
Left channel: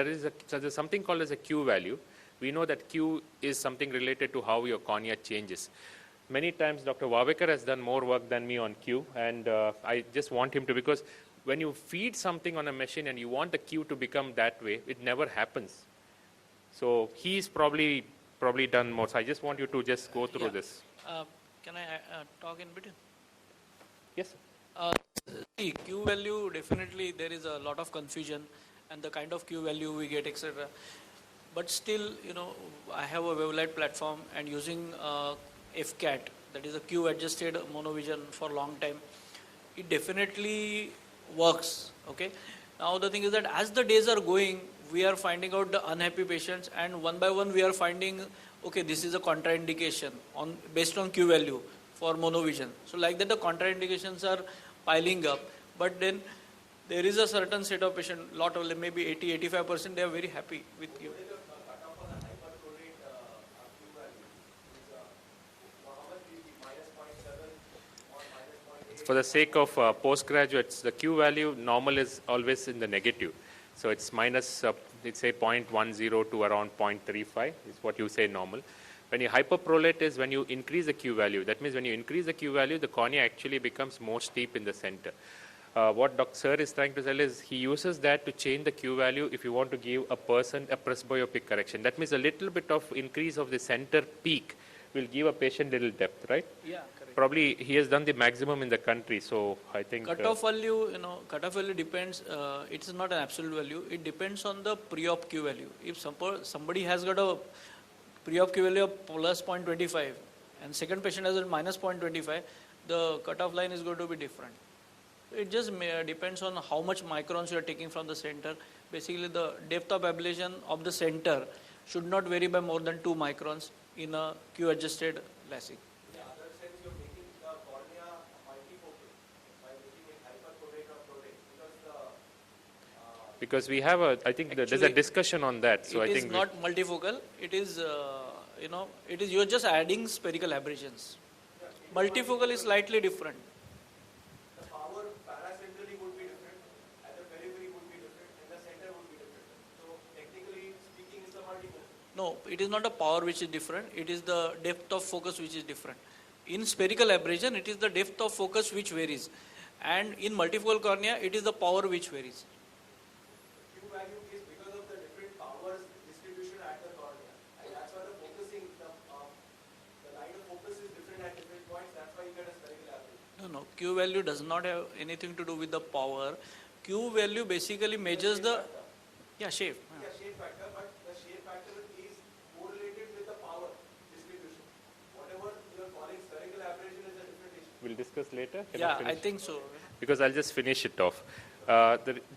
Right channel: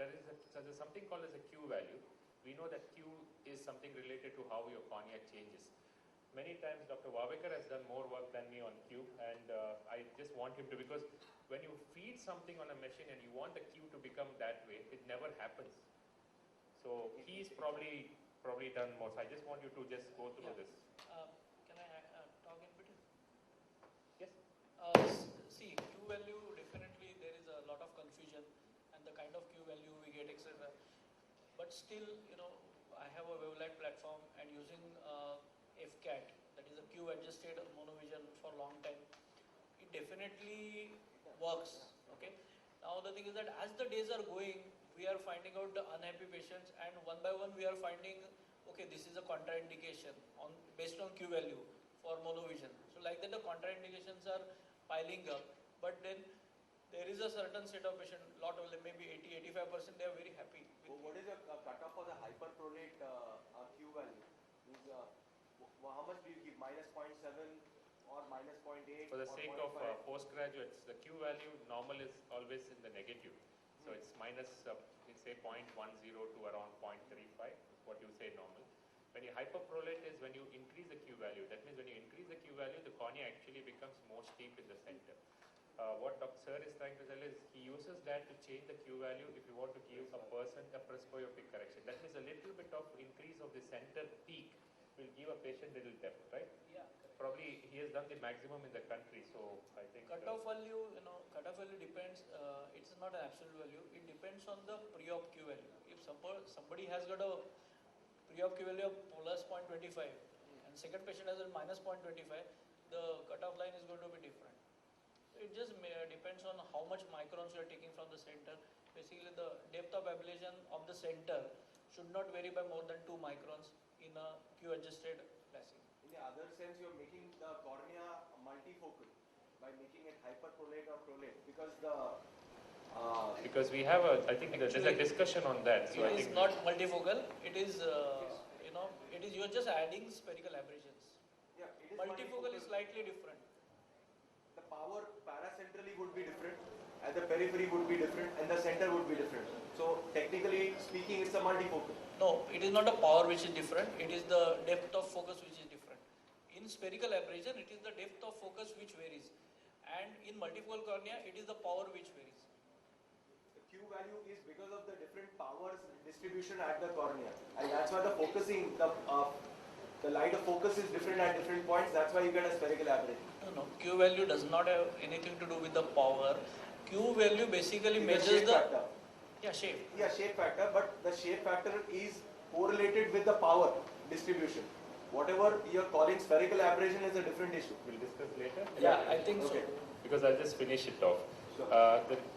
so there's something called as a Q value. We know that Q is something related to how your cornea changes. Many times Dr. Wavekar has done more work than me on Q, and I just want him to, because when you feed something on a machine and you want the Q to become that way, it never happens. So he's probably done more. So I just want you to just go through Yeah. this. Can I talk in between? Yes. See, Q value, definitely there is a lot of confusion and the kind of Q value we get, etc. But still, I have a wavelight platform and using FCAT, that is a Q adjusted monovision for a long time. It definitely works, okay? Now the thing is that as the days are going, we are finding out the unhappy patients, and one by one we are finding, okay, this is a contraindication based on Q value. for monovision. So like that the contraindications are piling up, but then there is a certain set of patient, lot of them, maybe 80-85%, they are very happy with you. What is the cutoff on the hyperpronate Q value? Is, how much do you give? Minus 0.7 or minus 0.8? For the sake of postgraduates, the Q value normal is always in the negative. So it's minus, let's say 0.10 to around 0.35 is what you say normal. When you hyperprolate is when you increase the Q value. That means when you increase the Q value, the cornea actually becomes more steep in the center. What Dr. Sir is trying to tell is he uses that to change the Q value if you want to give a person a presbyopic correction. That means a little bit of increase of the center peak will give a patient little depth, right? Yeah, correct. Probably he has done the maximum in the country, so I think... Cutoff value, cutoff value depends, it is not an absolute value, it depends on the pre-op Q value. If somebody has got a pre-op Q value of plus 0.25 and second patient has a minus 0.25, the cutoff line is going to be different. It just depends on how much microns you are taking from the center. Basically, the depth of ablation of the center should not vary by more than 2 microns in a Q-adjusted LASIK. In the other sense, you're making the cornea multifocal by making it hyperpronate or pronate because the because we have I think there's a Actually, discussion on that, so I It is think... not multifocal, it is, you're just adding spherical aberrations. Multifocal is slightly different. the power paracentrally would be different, and the periphery would be different, and the center would be different. So technically speaking, it's a multifocal. No, it is not a power which is different, it is the depth of focus which is different. In spherical aberration, it is the depth of focus which varies. And in multifocal cornea, it is the power which varies. The Q value is because of the different powers distribution at the cornea, and that's why the focusing, the light of focus is different at different points. That's why you get a spherical aberration. No, Q value does not have anything to do with the power. Q value basically measures shape the factor. shape. Yeah, shape factor, but the shape factor is correlated with the power distribution. Whatever you're calling spherical aberration is a different issue. We'll discuss later. Yeah, I think so. Because I'll just finish it off.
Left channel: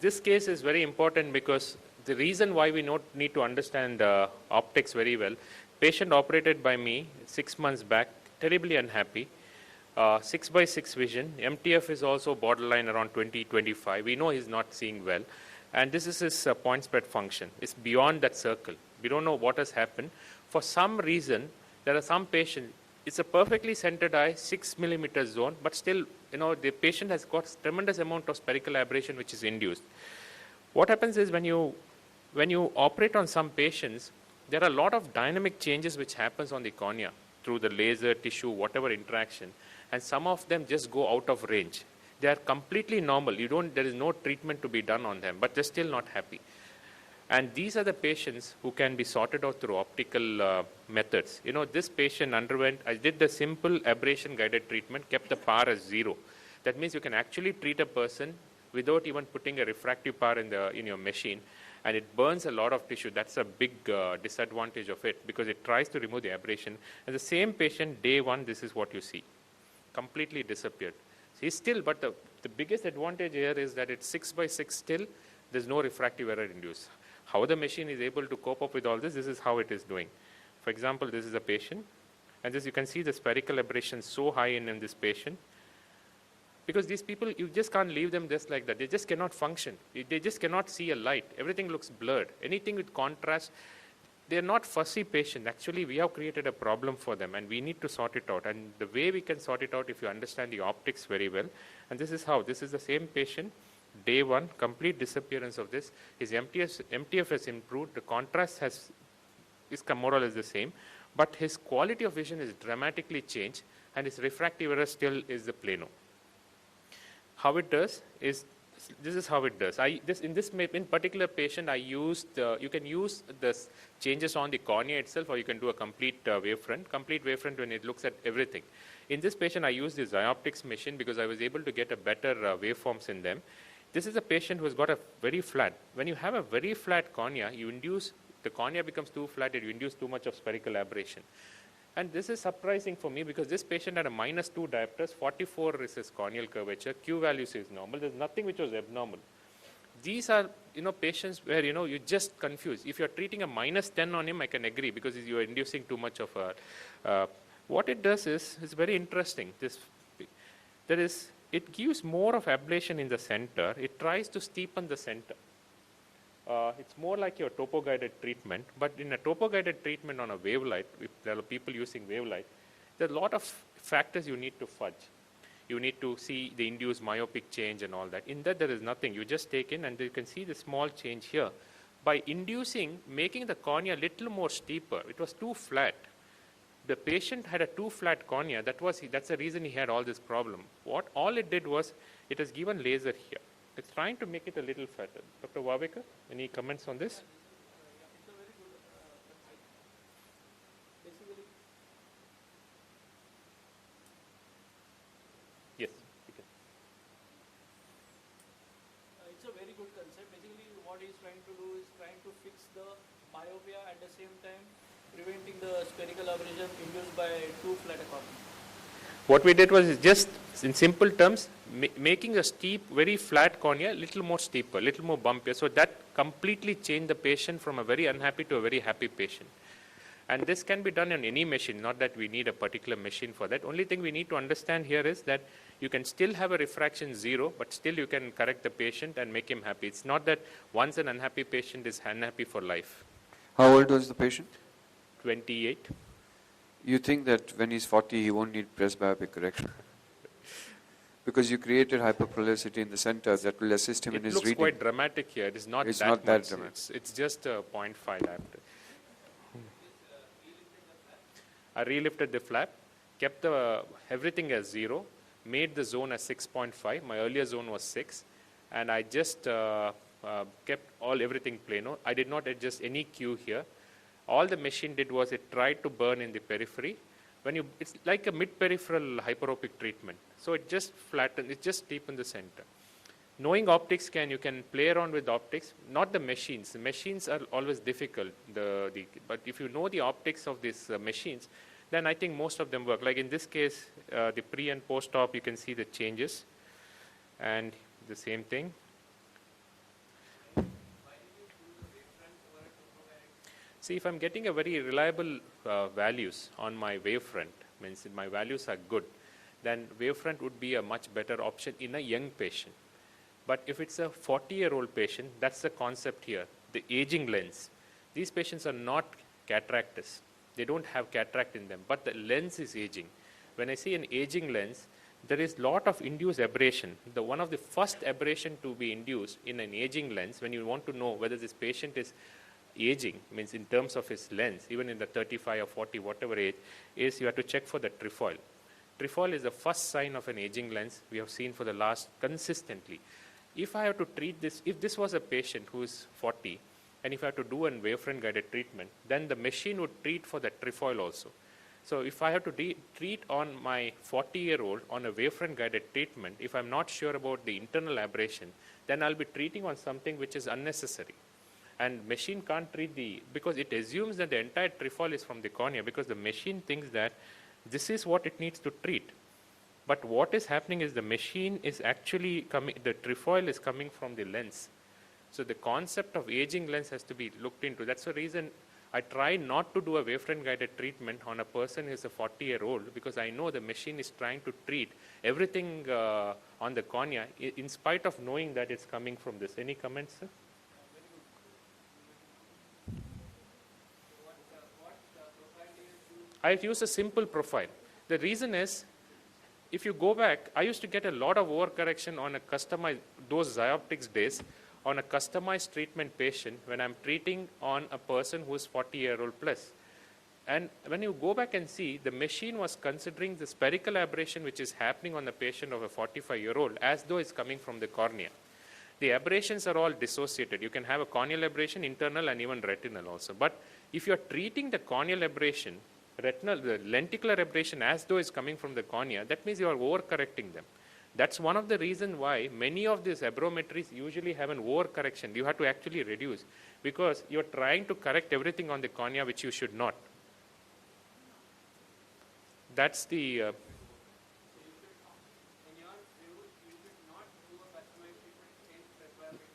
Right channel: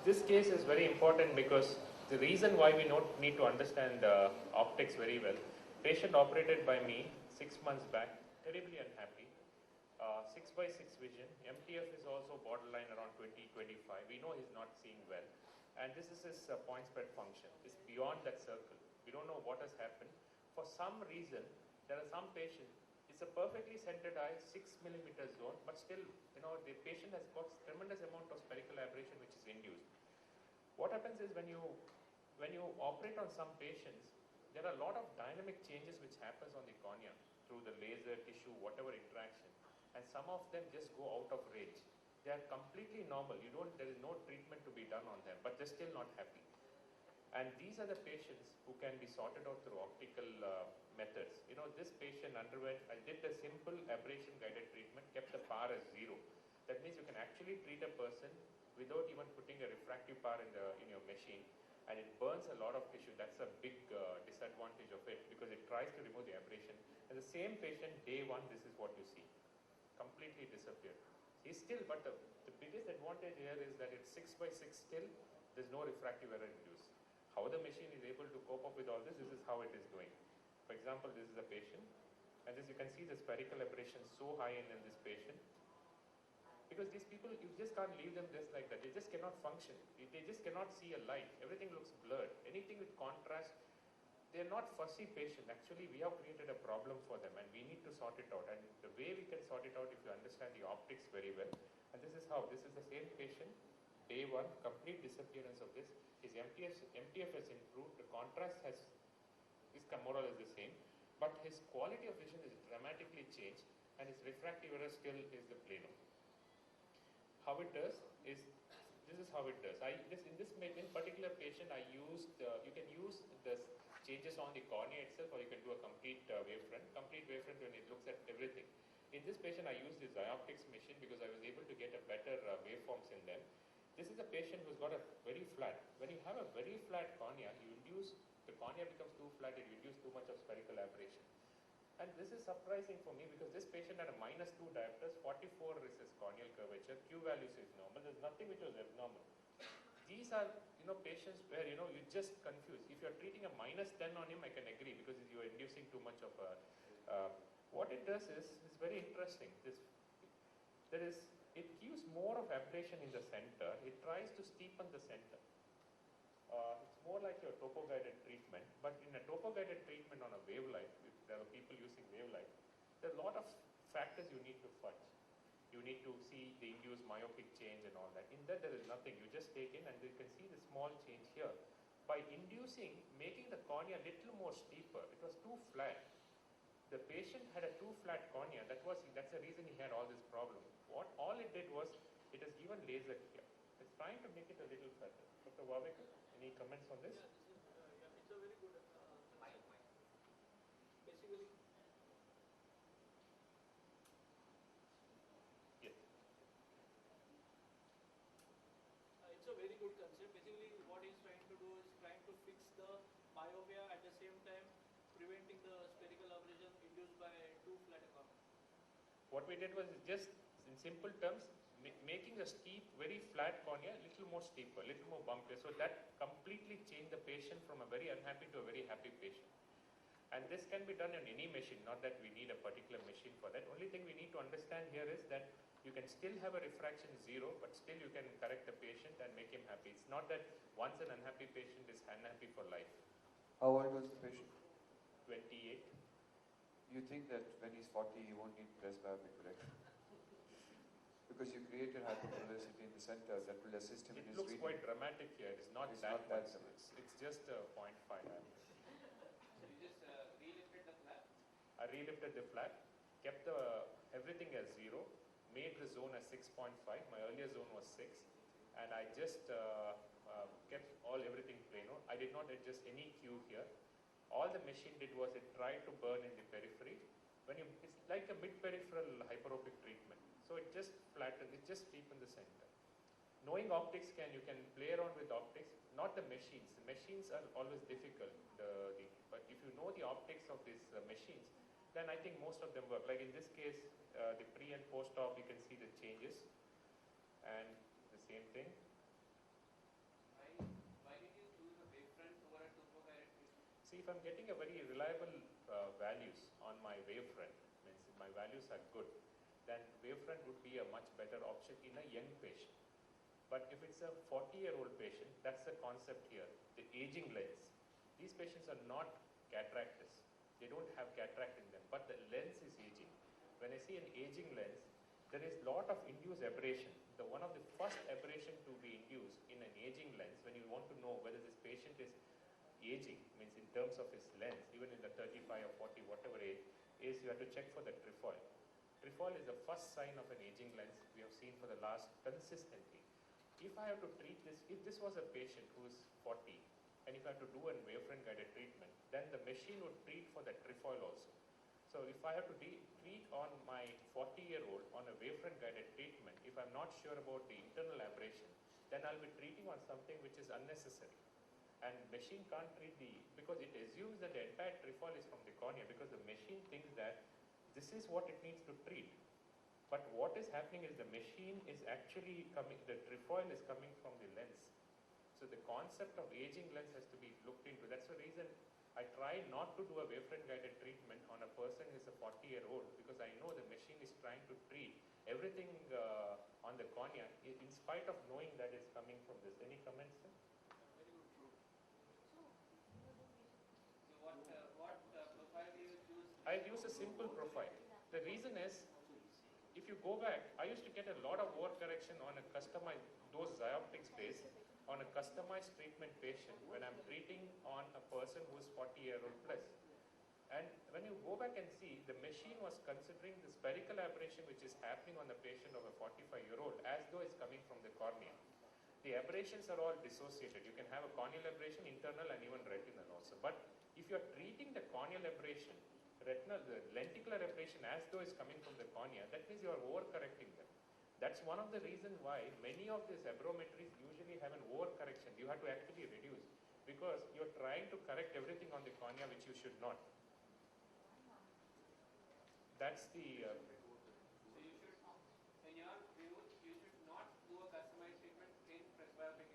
This case is very important because the reason why we need to understand optics very well, patient operated by me 6 months back, terribly unhappy, 6/6 vision, MTF is also borderline around 20-25, we know he's not seeing well, and this is his point spread function, it's beyond that circle, we don't know what has happened. For some reason, there are some patients, it's a perfectly centered eye, 6 millimeter zone, but still, the patient has got tremendous amount of spherical aberration which is induced. What happens is when you operate on some patients, there are a lot of dynamic changes which happens on the cornea through the laser, tissue, whatever interaction, and some of them just go out of range. They are completely normal. There is no treatment to be done on them, but they're still not happy. And these are the patients who can be sorted out through optical methods. This patient I did the simple aberration guided treatment, kept the power as 0. That means you can actually treat a person without even putting a refractive power in your machine, and it burns a lot of tissue. That's a big disadvantage of it because it tries to remove the aberration. And the same patient, day 1, this is what you see. Completely disappeared. He's still, but the biggest advantage here is that it's 6/6 still, there's no refractive error induced. How the machine is able to cope up with all this is how it is doing. For example, this is a patient, and this you can see the spherical aberration so high in this patient. Because these people, you just can't leave them just like that. They just cannot function. They just cannot see a light. Everything looks blurred. Anything with contrast, they're not fussy patients. Actually, we have created a problem for them, and we need to sort it out. And the way we can sort it out, if you understand the optics very well, and this is how. This is the same patient, day 1, complete disappearance of this. His MTF has improved. The contrast is more or less the same, but his quality of vision is dramatically changed, and his refractive error still is the plano. How it does is, this is how it does. In particular patient, I used, you can use the changes on the cornea itself, or you can do a complete wavefront. Complete wavefront when it looks at everything. In this patient, I used the Xioptics machine because I was able to get a better waveforms in them. This is a patient who has got a very flat. When you have a very flat cornea, the cornea becomes too flat, you induce too much of spherical aberration. And this is surprising for me because this patient had a -2 diopters, 44 is his corneal curvature, Q values is normal, there's nothing which was abnormal. These are, patients where, you're just confused. If you're treating a -10 on him, I can agree because you're inducing too much of What it does is, it's very interesting. It gives more of ablation in the center. It tries to steepen the center. It's more like your topo-guided treatment, but in a topo-guided treatment on a wave light, if there are people using wave light, there are a lot of factors you need to fudge. You need to see the induced myopic change and all that. In that, there is nothing. You just take in, and you can see the small change here. By making the cornea a little more steeper, it was too flat. The patient had a too flat cornea. That's the reason he had all this problem. All it did was, it has given laser here. It's trying to make it a little fatter. Dr. Wavekar, any comments on this? Yes. Okay. It's a very good concept. Basically, what he's trying to do is trying to fix the myopia at the same time preventing the spherical aberration induced by too flat a cornea. What we did was just, in simple terms, making a steep, very flat cornea, little more steeper, little more bumpier. So that completely changed the patient from a very unhappy to a very happy patient. And this can be done on any machine, not that we need a particular machine for that. Only thing we need to understand here is that you can still have a refraction 0, but still you can correct the patient and make him happy. It's not that once an unhappy patient is unhappy for life. How old was the patient? 28. You think that when he's 40, he won't need presbyopic correction? Because you created hyperpolarisity in the center that will assist him in his It looks reading. quite dramatic here. It is not It's that not that much. dramatic. It's just a 0.5 diameter. I relifted the flap, kept everything as 0, made the zone as 6.5. My earlier zone was 6, and I just kept everything plano. I did not adjust any Q here. All the machine did was it tried to burn in the periphery. It's like a mid-peripheral hyperopic treatment. So it just flattened, it just deepened the center. Knowing optics, you can play around with optics, not the machines. The machines are always difficult, but if you know the optics of these machines, then I think most of them work. Like in this case, the pre and post-op, you can see the changes, and the same thing. See, if I'm getting a very reliable values on my wavefront, means my values are good, then wavefront would be a much better option in a young patient. But if it's a 40-year-old patient, that's the concept here, the aging lens. These patients are not cataractous. They don't have cataract in them, but the lens is aging. When I see an aging lens, there is lot of induced aberration. One of the first aberration to be induced in an aging lens, when you want to know whether this patient is aging, means in terms of his lens, even in the 35 or 40, whatever age, is you have to check for the trefoil. Trefoil is the first sign of an aging lens we have seen for the last consistently. If I have to treat this, if this was a patient who is 40, and if I have to do a wavefront guided treatment, then the machine would treat for the trefoil also. So if I have to treat on my 40-year-old on a wavefront guided treatment, if I'm not sure about the internal aberration, then I'll be treating on something which is unnecessary. And machine can't treat because it assumes that the entire trefoil is from the cornea, because the machine thinks that this is what it needs to treat. But what is happening is the machine is actually the trefoil is coming from the lens. So the concept of aging lens has to be looked into. That's the reason I try not to do a wavefront guided treatment on a person who is a 40-year-old, because I know the machine is trying to treat everything on the cornea in spite of knowing that it's coming from this. Any comments, sir? I've used a simple profile. The reason is, if you go back, I used to get a lot of overcorrection on a customized, those Xioptics days, on a customized treatment patient when I'm treating on a person who is 40-year-old plus. And when you go back and see, the machine was considering the spherical aberration which is happening on the patient of a 45-year-old as though it's coming from the cornea. The aberrations are all dissociated. You can have a corneal aberration, internal, and even retinal also. But if you're treating the corneal aberration, the lenticular aberration as though it's coming from the cornea, that means you are overcorrecting them. That's one of the reasons why many of these aberrometries usually have an overcorrection. You have to actually reduce, because you're trying to correct everything on the cornea which you should not. That's the...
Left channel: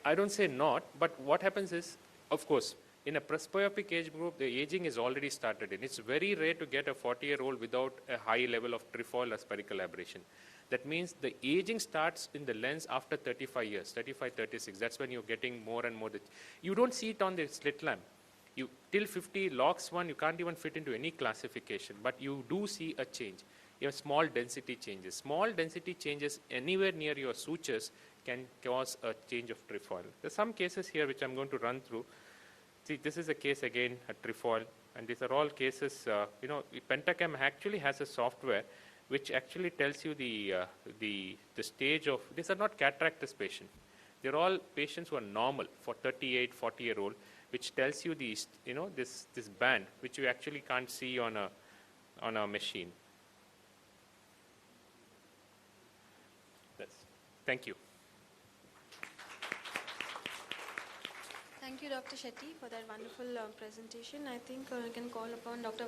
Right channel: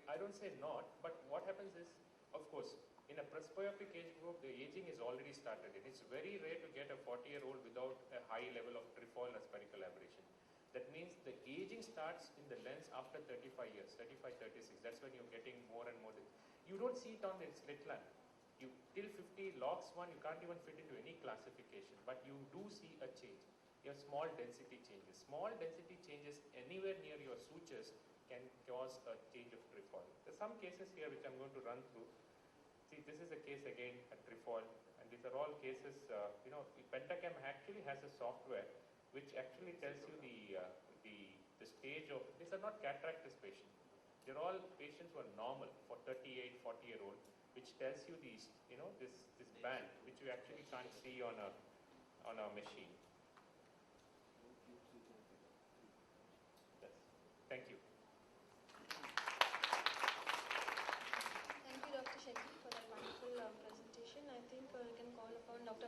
I don't say not, but what happens is, of course, In a presbyopic age group, the aging is already started in. It's very rare to get a 40-year-old without a high level of trefoil or spherical aberration. That means the aging starts in the lens after 35 years, 35, 36. That's when you're getting more and more. You don't see it on the slit lamp. You, till 50, lox 1, you can't even fit into any classification, but you do see a change. You have small density changes. Small density changes anywhere near your sutures can cause a change of trefoil. There's some cases here which I'm going to run through. See, this is a case again, a trefoil, and these are all cases, Pentacam actually has a software which actually tells you the stage of, these are not cataractus patients. They're all patients who are normal for 38, 40-year-old, which tells you these, this band, which you actually can't see on a machine. Yes. Thank you. Thank you, Dr. Shetty, for that wonderful presentation. I think we can call upon Dr.